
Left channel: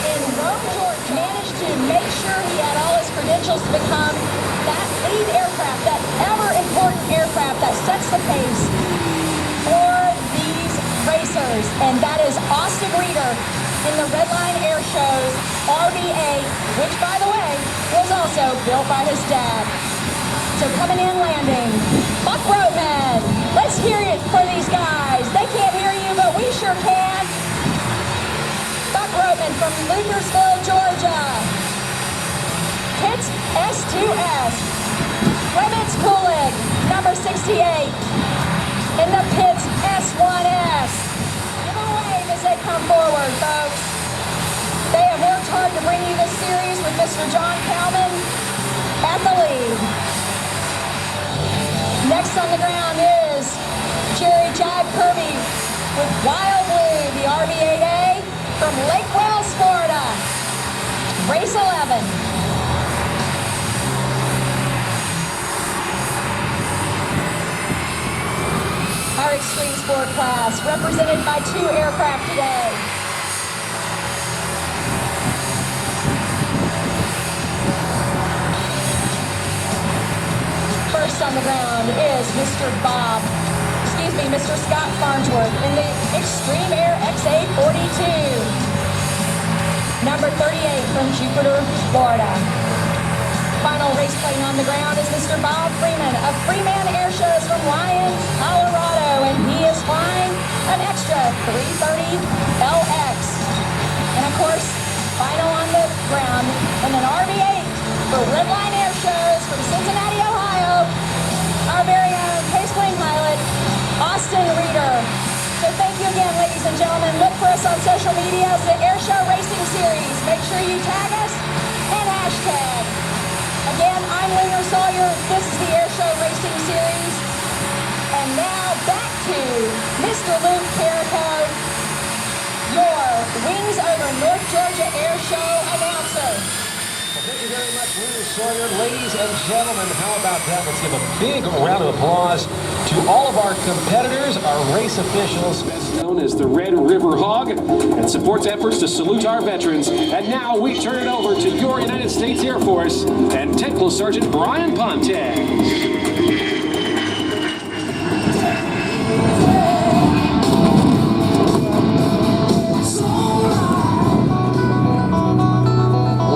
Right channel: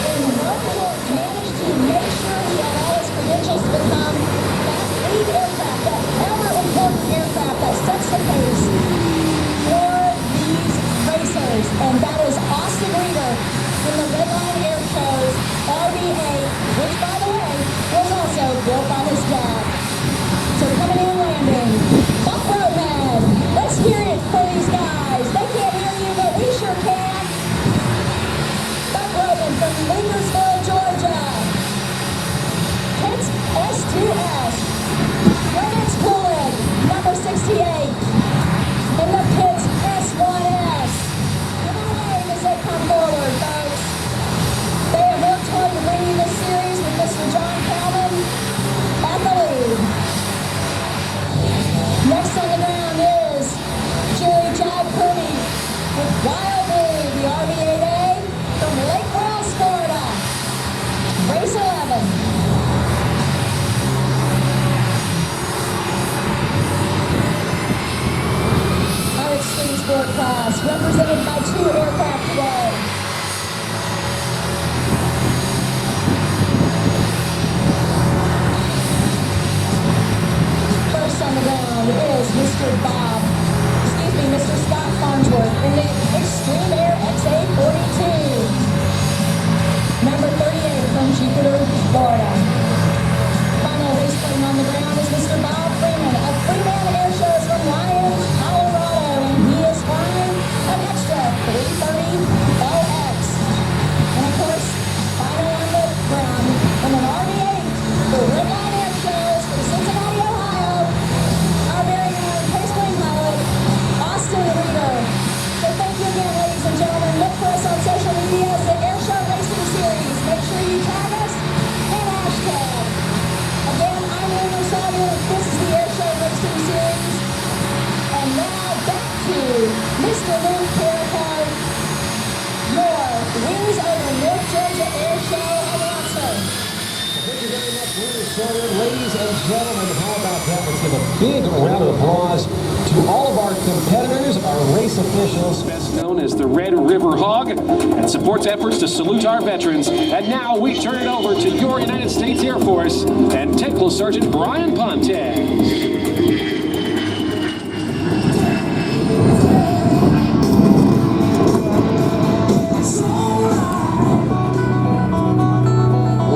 in Rome, Georgia, managed to make sure he had all his credentials to become that lead aircraft, that ever-important aircraft that sets the pace for these racers, and that is Austin Reeder in the Redline Air Show's RV-8, which, by the way, was also built by his dad. So coming in landing, Buck Roadman. Let's hear it for these guys. They can't hear you, but we sure can. Buck Roadman from Lingersville, Georgia. Hits S2S. Clemens Coolidge, number 68. In the pits, S1S. Give them a wave as they come forward, folks. They have worked hard to bring you this series with Mr. John Calvin at the lead. Next on the ground is Jerry Jive Kirby with Wild Blue, the RV-8A from Lake Wells, Florida. Race 11. Our extreme sport class, represented by 2 aircraft today. First on the ground is Mr. Scott Farnsworth in the Extreme Air XA-42. Number 38 from Jupiter, Florida. Final race plane on the ground is Mr. Bob Freeman of Freeman Air Shows from Lyons, Colorado, and he is flying an extra 330 LX. And of course, final on the ground in an RV-8 for Redline Air Shows from Cincinnati, Ohio, our very own pace plane pilot, Austin Reeder. So thank you again, ladies and gentlemen. Look for us on social media, the Airshow Racing Series. Make sure you tag us and hashtag. Again, I'm William Sawyer. This is the Airshow Racing Series. And now back to Mr. Luke Carricard, your Wings Over North Georgia Airshow announcer. Thank you very much, William Sawyer. Ladies and gentlemen, how about that? Let's give a big round of applause to all of our competitors, our racing officials, best known as the Red River Hog, and supports efforts to salute our veterans. And now we turn it over to your United States Air Force and Technical Sergeant Brian Pontes.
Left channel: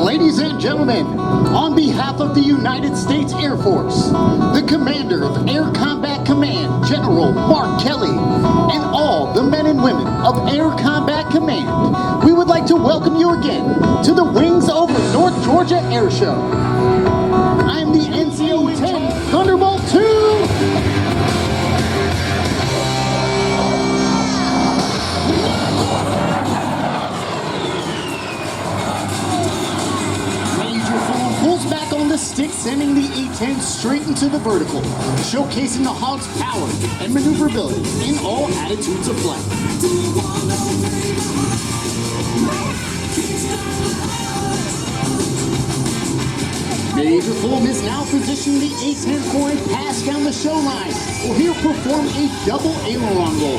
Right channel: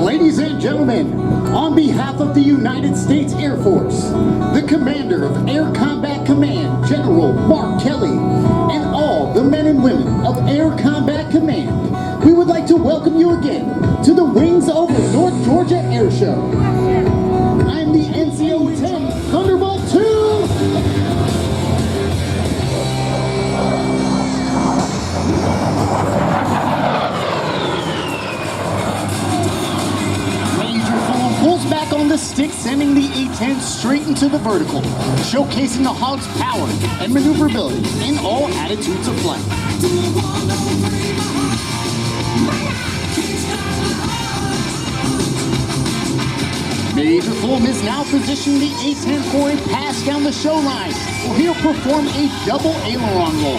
Ladies and gentlemen, on behalf of the United States Air Force, the Commander of Air Combat Command, General Mark Kelly, and all the men and women of Air Combat Command, we would like to welcome you again to the Wings Over North Georgia Airshow. I am the NCO 10 Thunderbolt 2. Pulls back on the stick, sending the A-10 straight into the vertical, showcasing the Hog's power and maneuverability in all attitudes of flight. Major Fulham is now positioning the A-10 for a pass down the show line, where he'll perform a double aileron roll.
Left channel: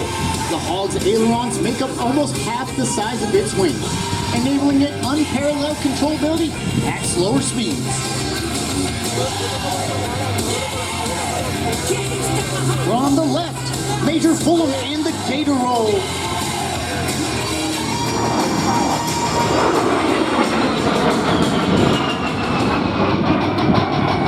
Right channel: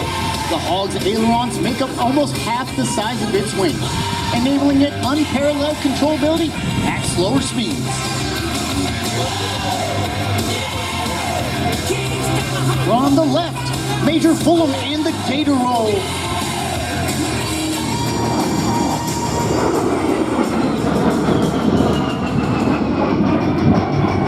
The Hog's ailerons make up almost half the size of its wing, enabling it unparalleled controllability at slower speeds. From the left, Major Fulham and the Gator Roll.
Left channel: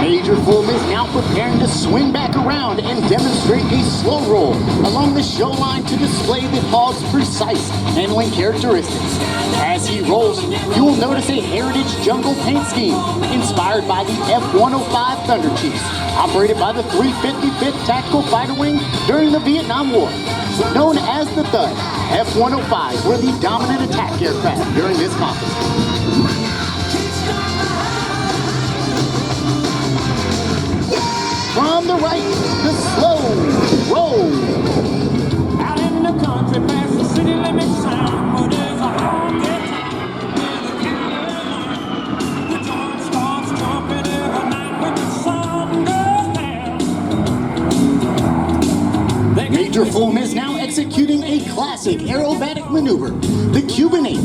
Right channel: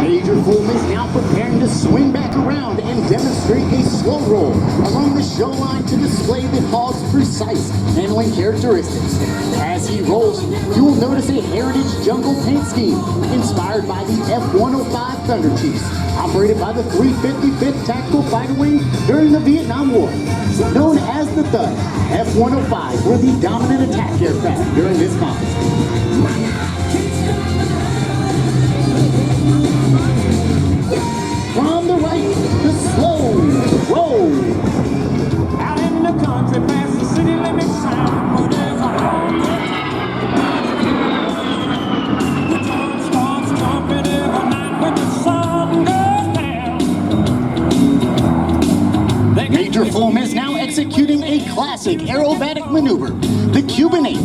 Major Fulham is now preparing to swing back around and demonstrate a slow roll along the show line to display the Hog's precise handling characteristics. As he rolls, you will notice a heritage jungle paint scheme inspired by the F-105 Thunder Chiefs, operated by the 355th Tactical Fighter Wing during the Vietnam War. Known as the Thud, F-105s were the dominant attack aircraft during this conflict. From the right, the slow roll. Out in the country, past the city limits sound, where there's a honky. The drum starts jumping every night when the sun goes down. Major Fulham is now executing a classic aerobatic maneuver, the Cuban 8.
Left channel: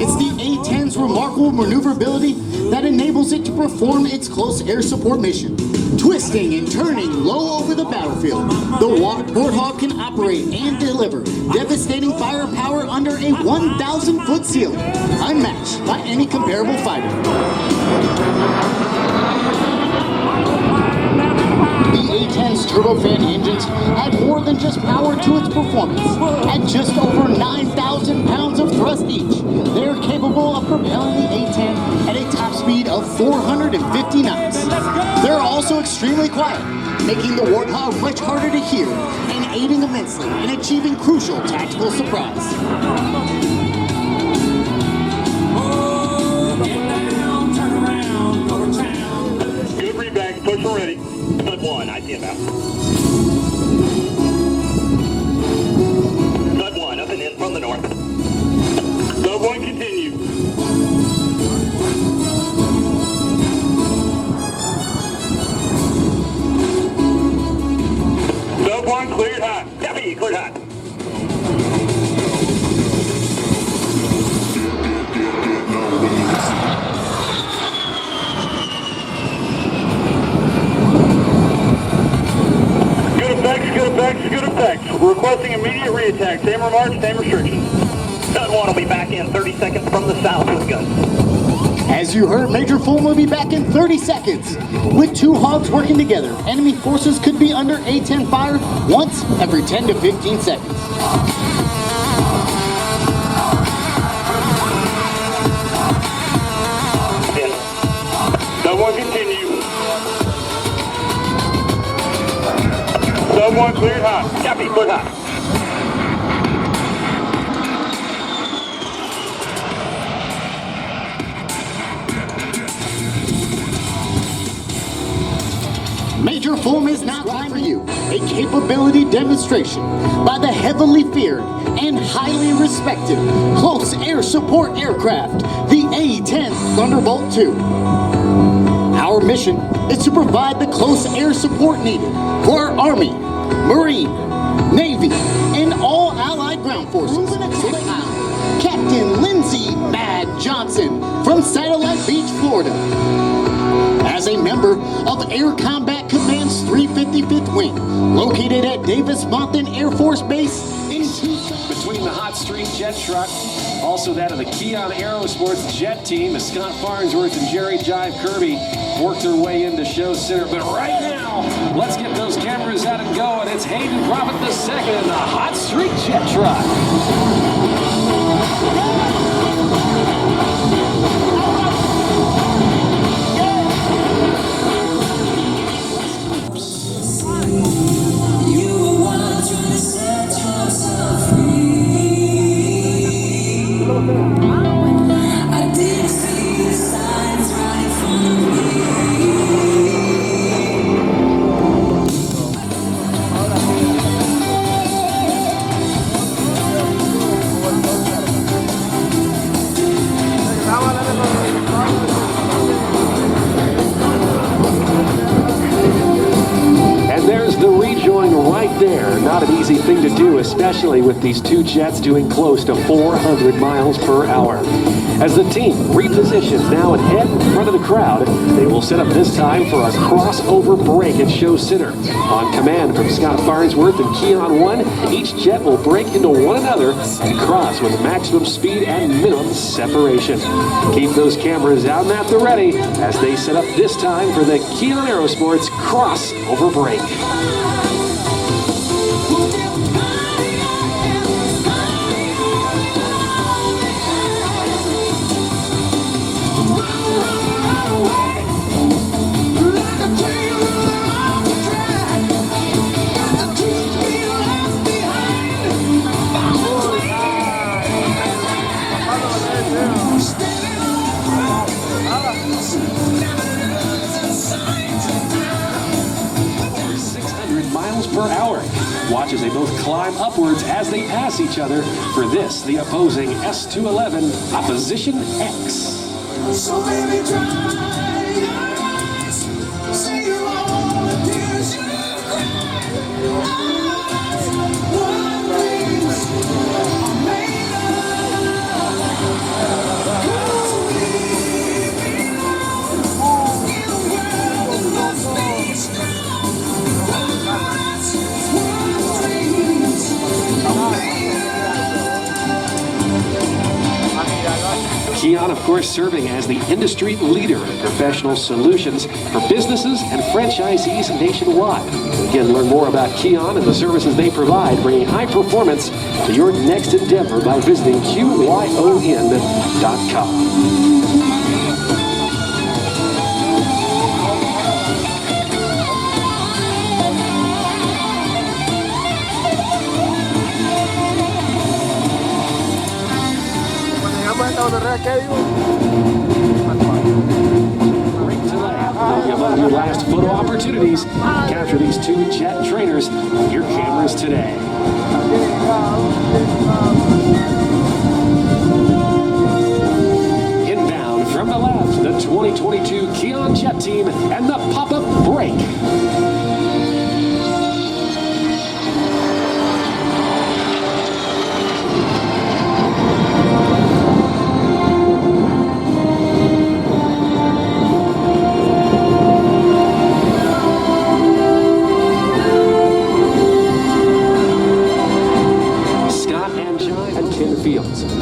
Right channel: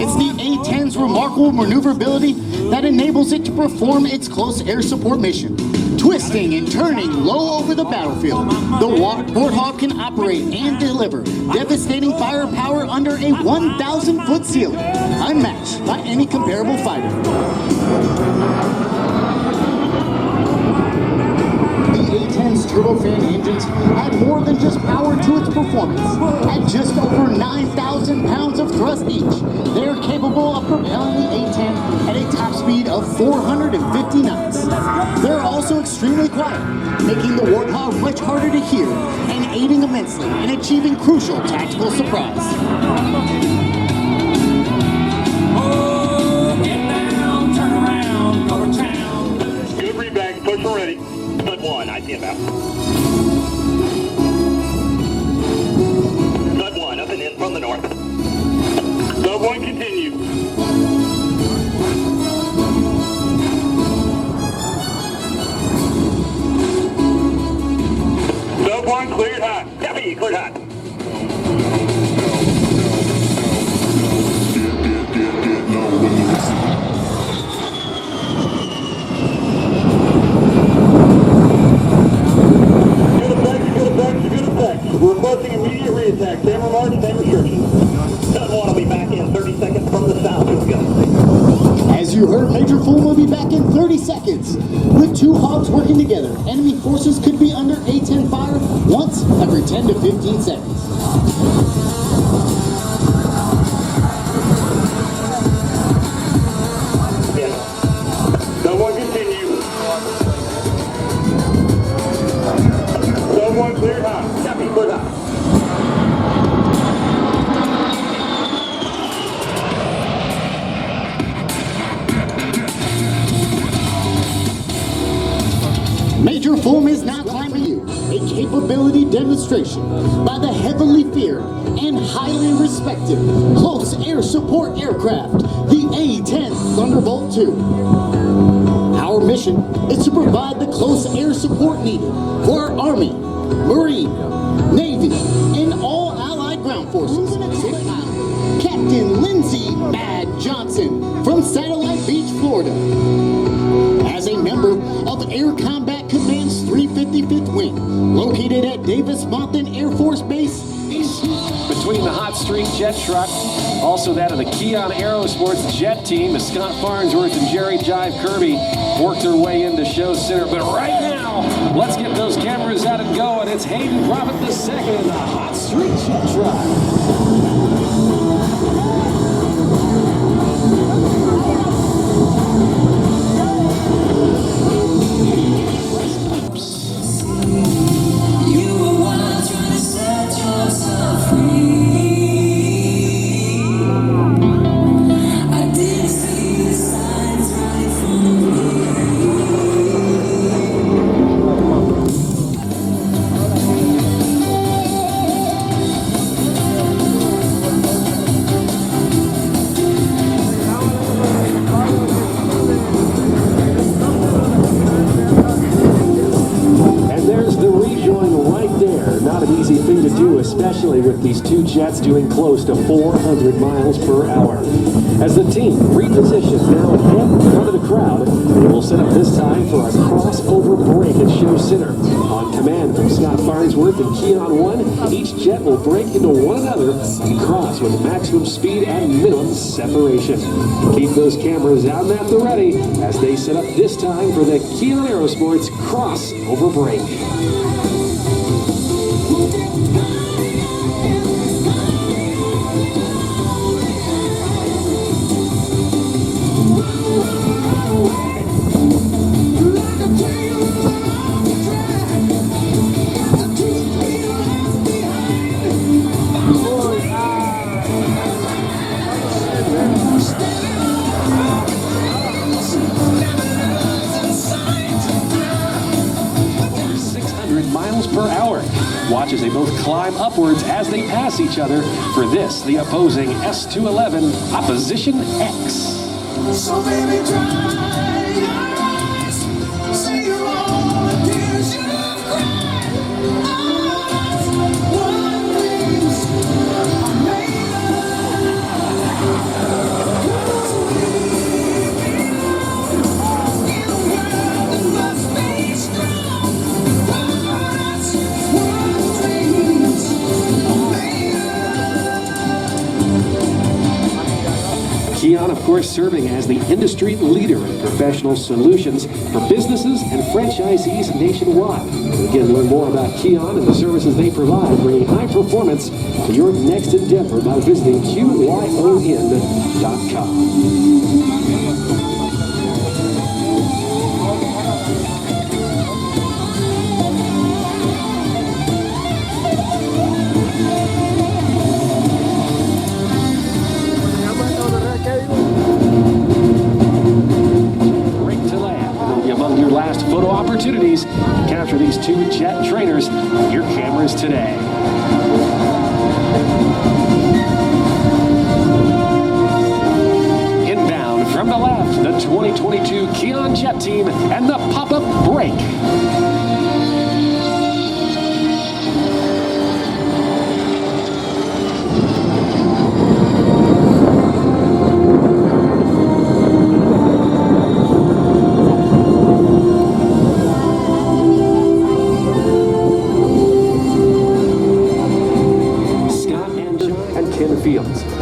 It's the A-10's remarkable maneuverability that enables it to perform its close air support mission. Twisting and turning low over the battlefield, the Warthog can operate and deliver devastating firepower under a 1,000-foot ceiling, unmatched by any comparable fighter. The A-10's turbofan engines add more than just power to its performance. At just over 9,000 pounds of thrust each, they are capable of propelling the A-10 at a top speed of 450 knots. They're also extremely quiet, making the Warthog much harder to hear and aiding immensely in achieving crucial tactical surprise. Oh, get down, turn around, go to town. Good reback, push and ready. Stud 1, I see about. Stud 1, up and in from the north. Stud 1, continue. Stud 1, cleared hot. Copy, cleared hot. Good effects, good effects, good effects. Requesting immediate reattack. Same remarks, same restrictions. Stud 1 will be back in 30 seconds from the south with guns. As you heard, Major Fulham will be back in 30 seconds. With two Hogs working together, enemy forces could be under A-10 fire once every 10 to 15 seconds. Stud 1, continue. Stud 1, cleared hot. Copy, cleared hot. Major Fulham is now climbing you, a capability demonstration by the heavily feared and highly respected close air support aircraft, the A-10 Thunderbolt II. Our mission is to provide the close air support needed for our Army, Marine, Navy, and all Allied ground forces. Captain Lindsey Mad Johnson from Satellite Beach, Florida. As a member of Air Combat Command's 355th Wing, located at Davis-Monthan Air Force Base in Between the Hot Streak Jet Truck, also that of the Keon Aerosports Jet Team, as Scott Farnsworth and Jerry Jive Kirby work their way into show center. But right now, let's get those cameras out and go, and it's Hayden Profit II in the Hot Streak Jet Truck. Not an easy thing to do, especially with these two jets doing close to 400 miles per hour. As the team repositions now and head in front of the crowd, they will set up this time for a crossover break at Show Center. On command from Scott Farnsworth and Keon 1, each jet will break into one another and cross with maximum speed and minimum separation. Keep those cameras out and at the ready as they set up this time for the Keon Aerosports crossover break. 600 miles per hour. Watch as they both climb upwards as they pass each other. For this, the opposing S-211 Opposition X. So baby, dry your eyes. Say you're all the tears you've cried. What things are made of. 'Cause we belong in a world that must be strong. That's what dreams are made of. Keon, of course, serving as the industry leader in professional solutions for businesses and franchisees nationwide. Again, learn more about Keon and the services they provide, bringing high performance to your next endeavor by visiting QYON.com. Among your last photo opportunities, capture these two jet trainers on your cameras today. Inbound from the left, the 2022 Keon Jet Team and the pop-up break.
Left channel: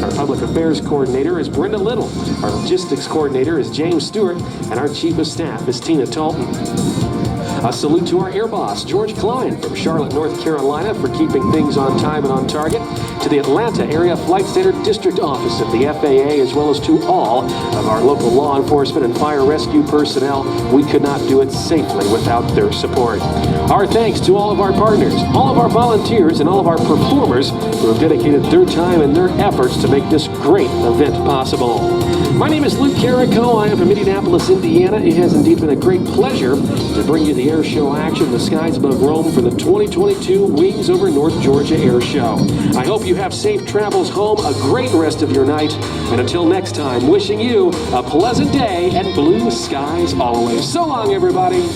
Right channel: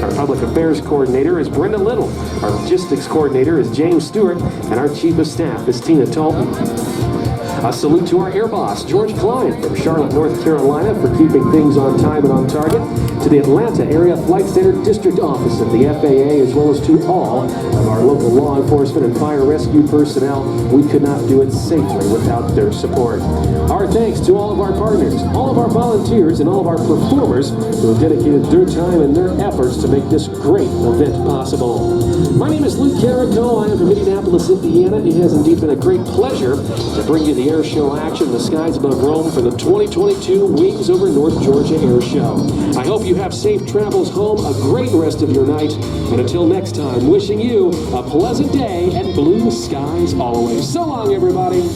Our Public Affairs Coordinator is Brenda Little. Our Logistics Coordinator is James Stewart. And our Chief of Staff is Tina Talton. A salute to our air boss, George Klein, from Charlotte, North Carolina, for keeping things on time and on target. To the Atlanta Area Flight Center District Office of the FAA, as well as to all of our local law enforcement and fire rescue personnel. We could not do it safely without their support. Our thanks to all of our partners, all of our volunteers, and all of our performers who have dedicated their time and their efforts to make this great event possible. My name is Luke Carrico. I am from Indianapolis, Indiana. It has indeed been a great pleasure to bring you the air show action in the skies above Rome for the 2022 Wings Over North Georgia Air Show. I hope you have safe travels home, a great rest of your night, and until next time, wishing you a pleasant day and blue skies always. So long, everybody.